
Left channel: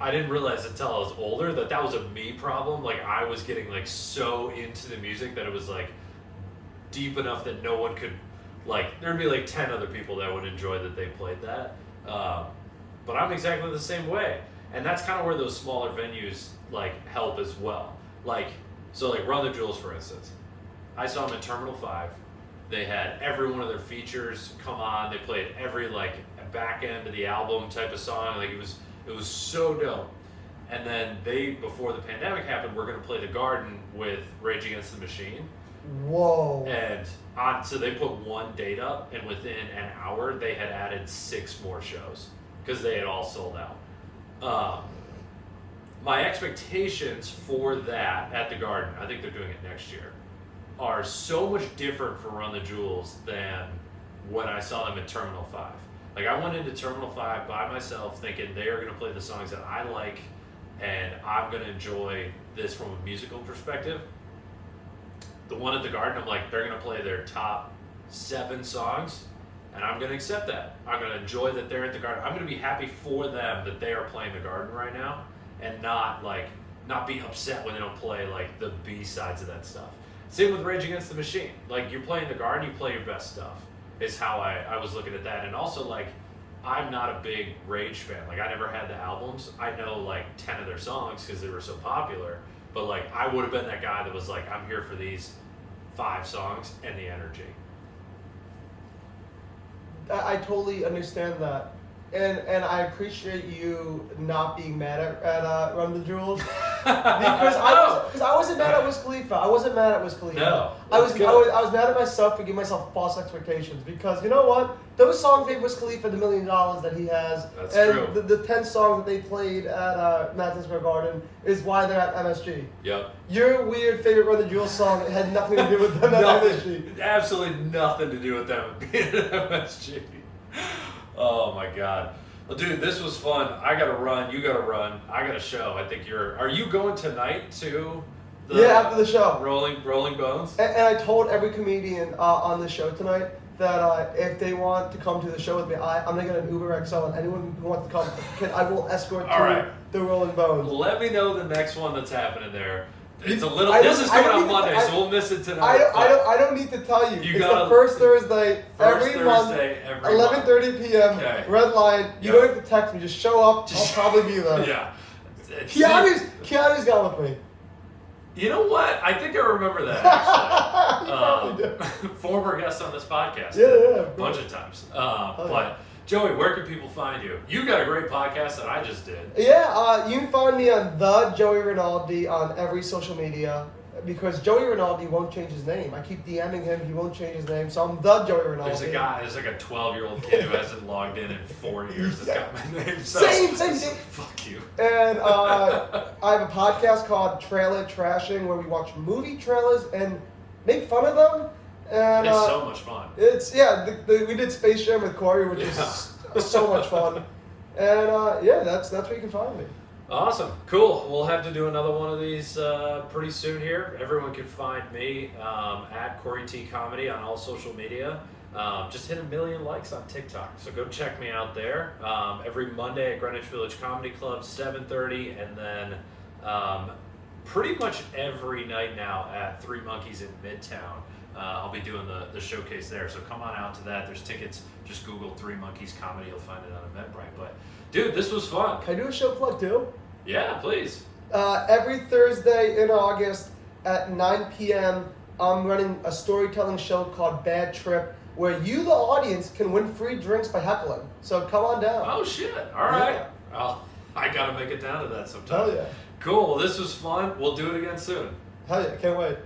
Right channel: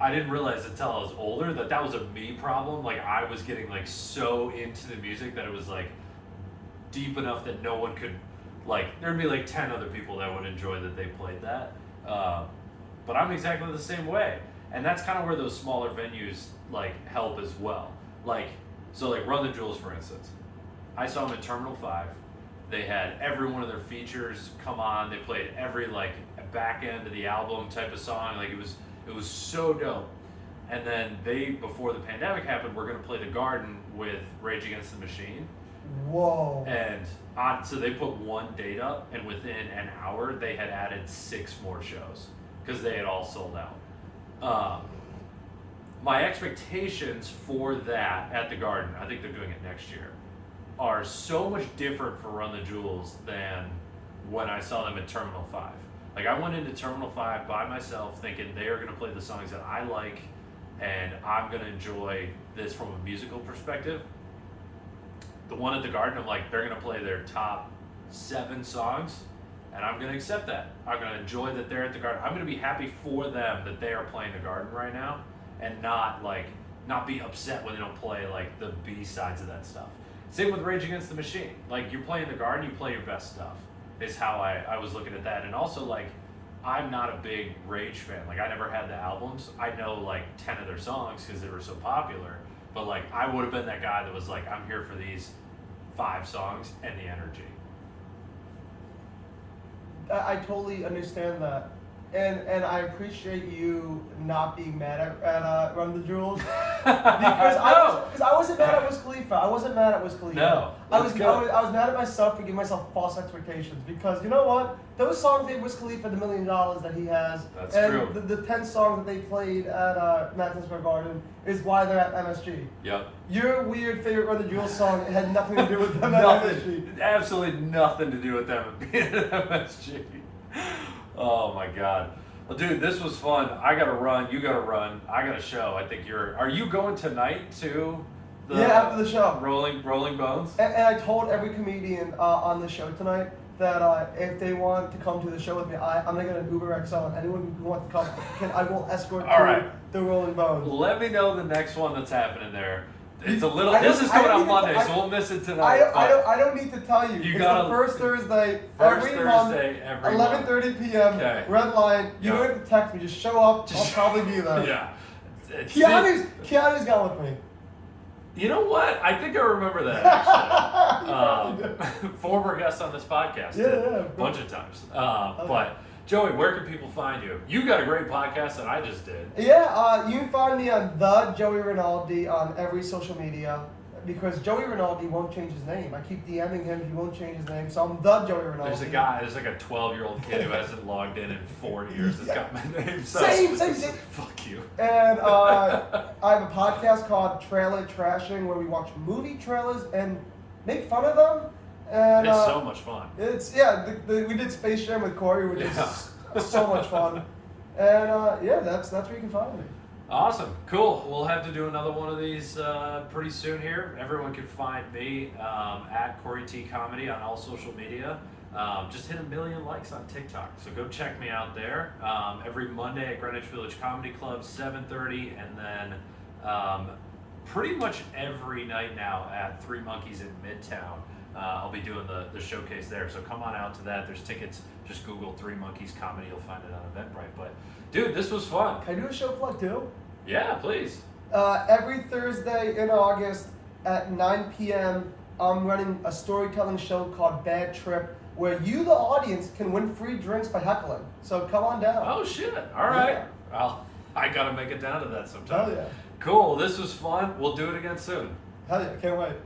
I didn't realize until I was older that was a me problem. Like, I was getting like so into the music that it was like deep enough that no one could, like, there'd be like 10 other people that would enjoy that they played that. But I'm exactly the same way. And that's kind of where those smaller venues like help as well. Like, so like Run the Jewels, for instance. I saw them at Terminal 5. They had every one of their features come on. They played every like back end of the album type of song. Like, it was so dope. And then before the pandemic happened, we're gonna play the Garden with Rage Against the Machine. Whoa. And so they put one date up, and within an hour they had added 6 more shows because they had all sold out. My expectations for that at the Garden, I think they're doing it next year, are so much different for Run the Jewels than when I saw them at Terminal 5. Like, I went into Terminal 5 by myself thinking they are going to play the songs that I like and I'm going to enjoy this from a musical perspective. The one at the Garden, I'm like, they're going to play their top 7 songs and I'm going to accept that. I'm going to enjoy that they're at the Garden. I'm going to be happy for them that they are playing the Garden right now and not be upset when they don't play like the B-sides of that stuff. Same with Rage Against the Machine. Like, you're playing the Garden, you play your best stuff, is how I was looking at that. And also, like, I'm not a big Rage fan. Like, I never had the albums. I know, like, 10 of their songs because they were so popular. But, like, I would have been that guy that was like, I'm here for these 5 songs and the energy. I totally understand that. And I appreciate you not being mad at Run the Jewels because I wasn't mad at Wiz Khalifa. I wasn't mad at Wiz Khalifa. No, I was mad at myself for giving myself false expectations because you know what? Those songs gave Wiz Khalifa the $1 million that he has. That's and true. The 10 songs that they played at Madison Square Garden is why they're at MSG. Yep. Your weird favorite Run the Jewels song had nothing to do with them at MSG. Absolutely nothing to do with them being at MSG. Oh my God. Well, dude, this was fun. I gotta run. You gotta run. I got a show. I think are you going tonight too? After the show. Rolling Bones. And I told every comedian on the show tonight that if they want to come to the show with me, I'm gonna get an Uber XL, and anyone who wants to come, I will escort to the Rolling Bones. Let me know the next one that's happening there. It's a little. This is coming on Monday, so we'll miss it tonight. I don't need to tell you. It's the first Thursday every month, 11:30 p.m. Okay. Red Lion. You don't have to text me. Just show up. I'll probably be there. Yeah. Keanu's gone with me. You know what? I think I remember that actually. Former guest on this podcast. Yeah. A bunch of times. But Joey, where can people find you? You got a great podcast that I just did. Yeah, you can find me on the Joey Rinaldi on every social media because Joey Rinaldi won't change his name. I keep DMing him, he won't change his name, so I'm the Joey Rinaldi. There's like a 12-year-old kid who hasn't logged in 4 years that's got my name. So same. Fuck you. And I have a podcast called Trailer Trashing where we watch movie trailers and make fun of them. And it's so much fun. We did Space Jam with Corey, which is so much fun. And that's where you can find me. Awesome, cool. We'll have to do another one of these pretty soon here. Everyone can find me at Corey T Comedy on all social media. Just hit 1 million likes on TikTok, so go check me out there. Every Monday at Greenwich Village Comedy Club, 7:30, and then pretty much every night now at Three Monkeys in Midtown. I'll be doing the showcase there, so come on out to that. There's tickets. Just Google Three Monkeys Comedy. You'll find it on Eventbrite. But, dude, this was fun. Can I do a show plug, too? Yeah, please. Every Thursday in August at 9 p.m., I'm running a storytelling show called Bad Trip, where you, the audience, can win free drinks by heckling. So come on down. Oh, shit. All right. Yeah. Well, I got to make it down to that sometime. Hell yeah. Cool. Well, this was fun. We'll do it again soon. Hell yeah. Can't wait.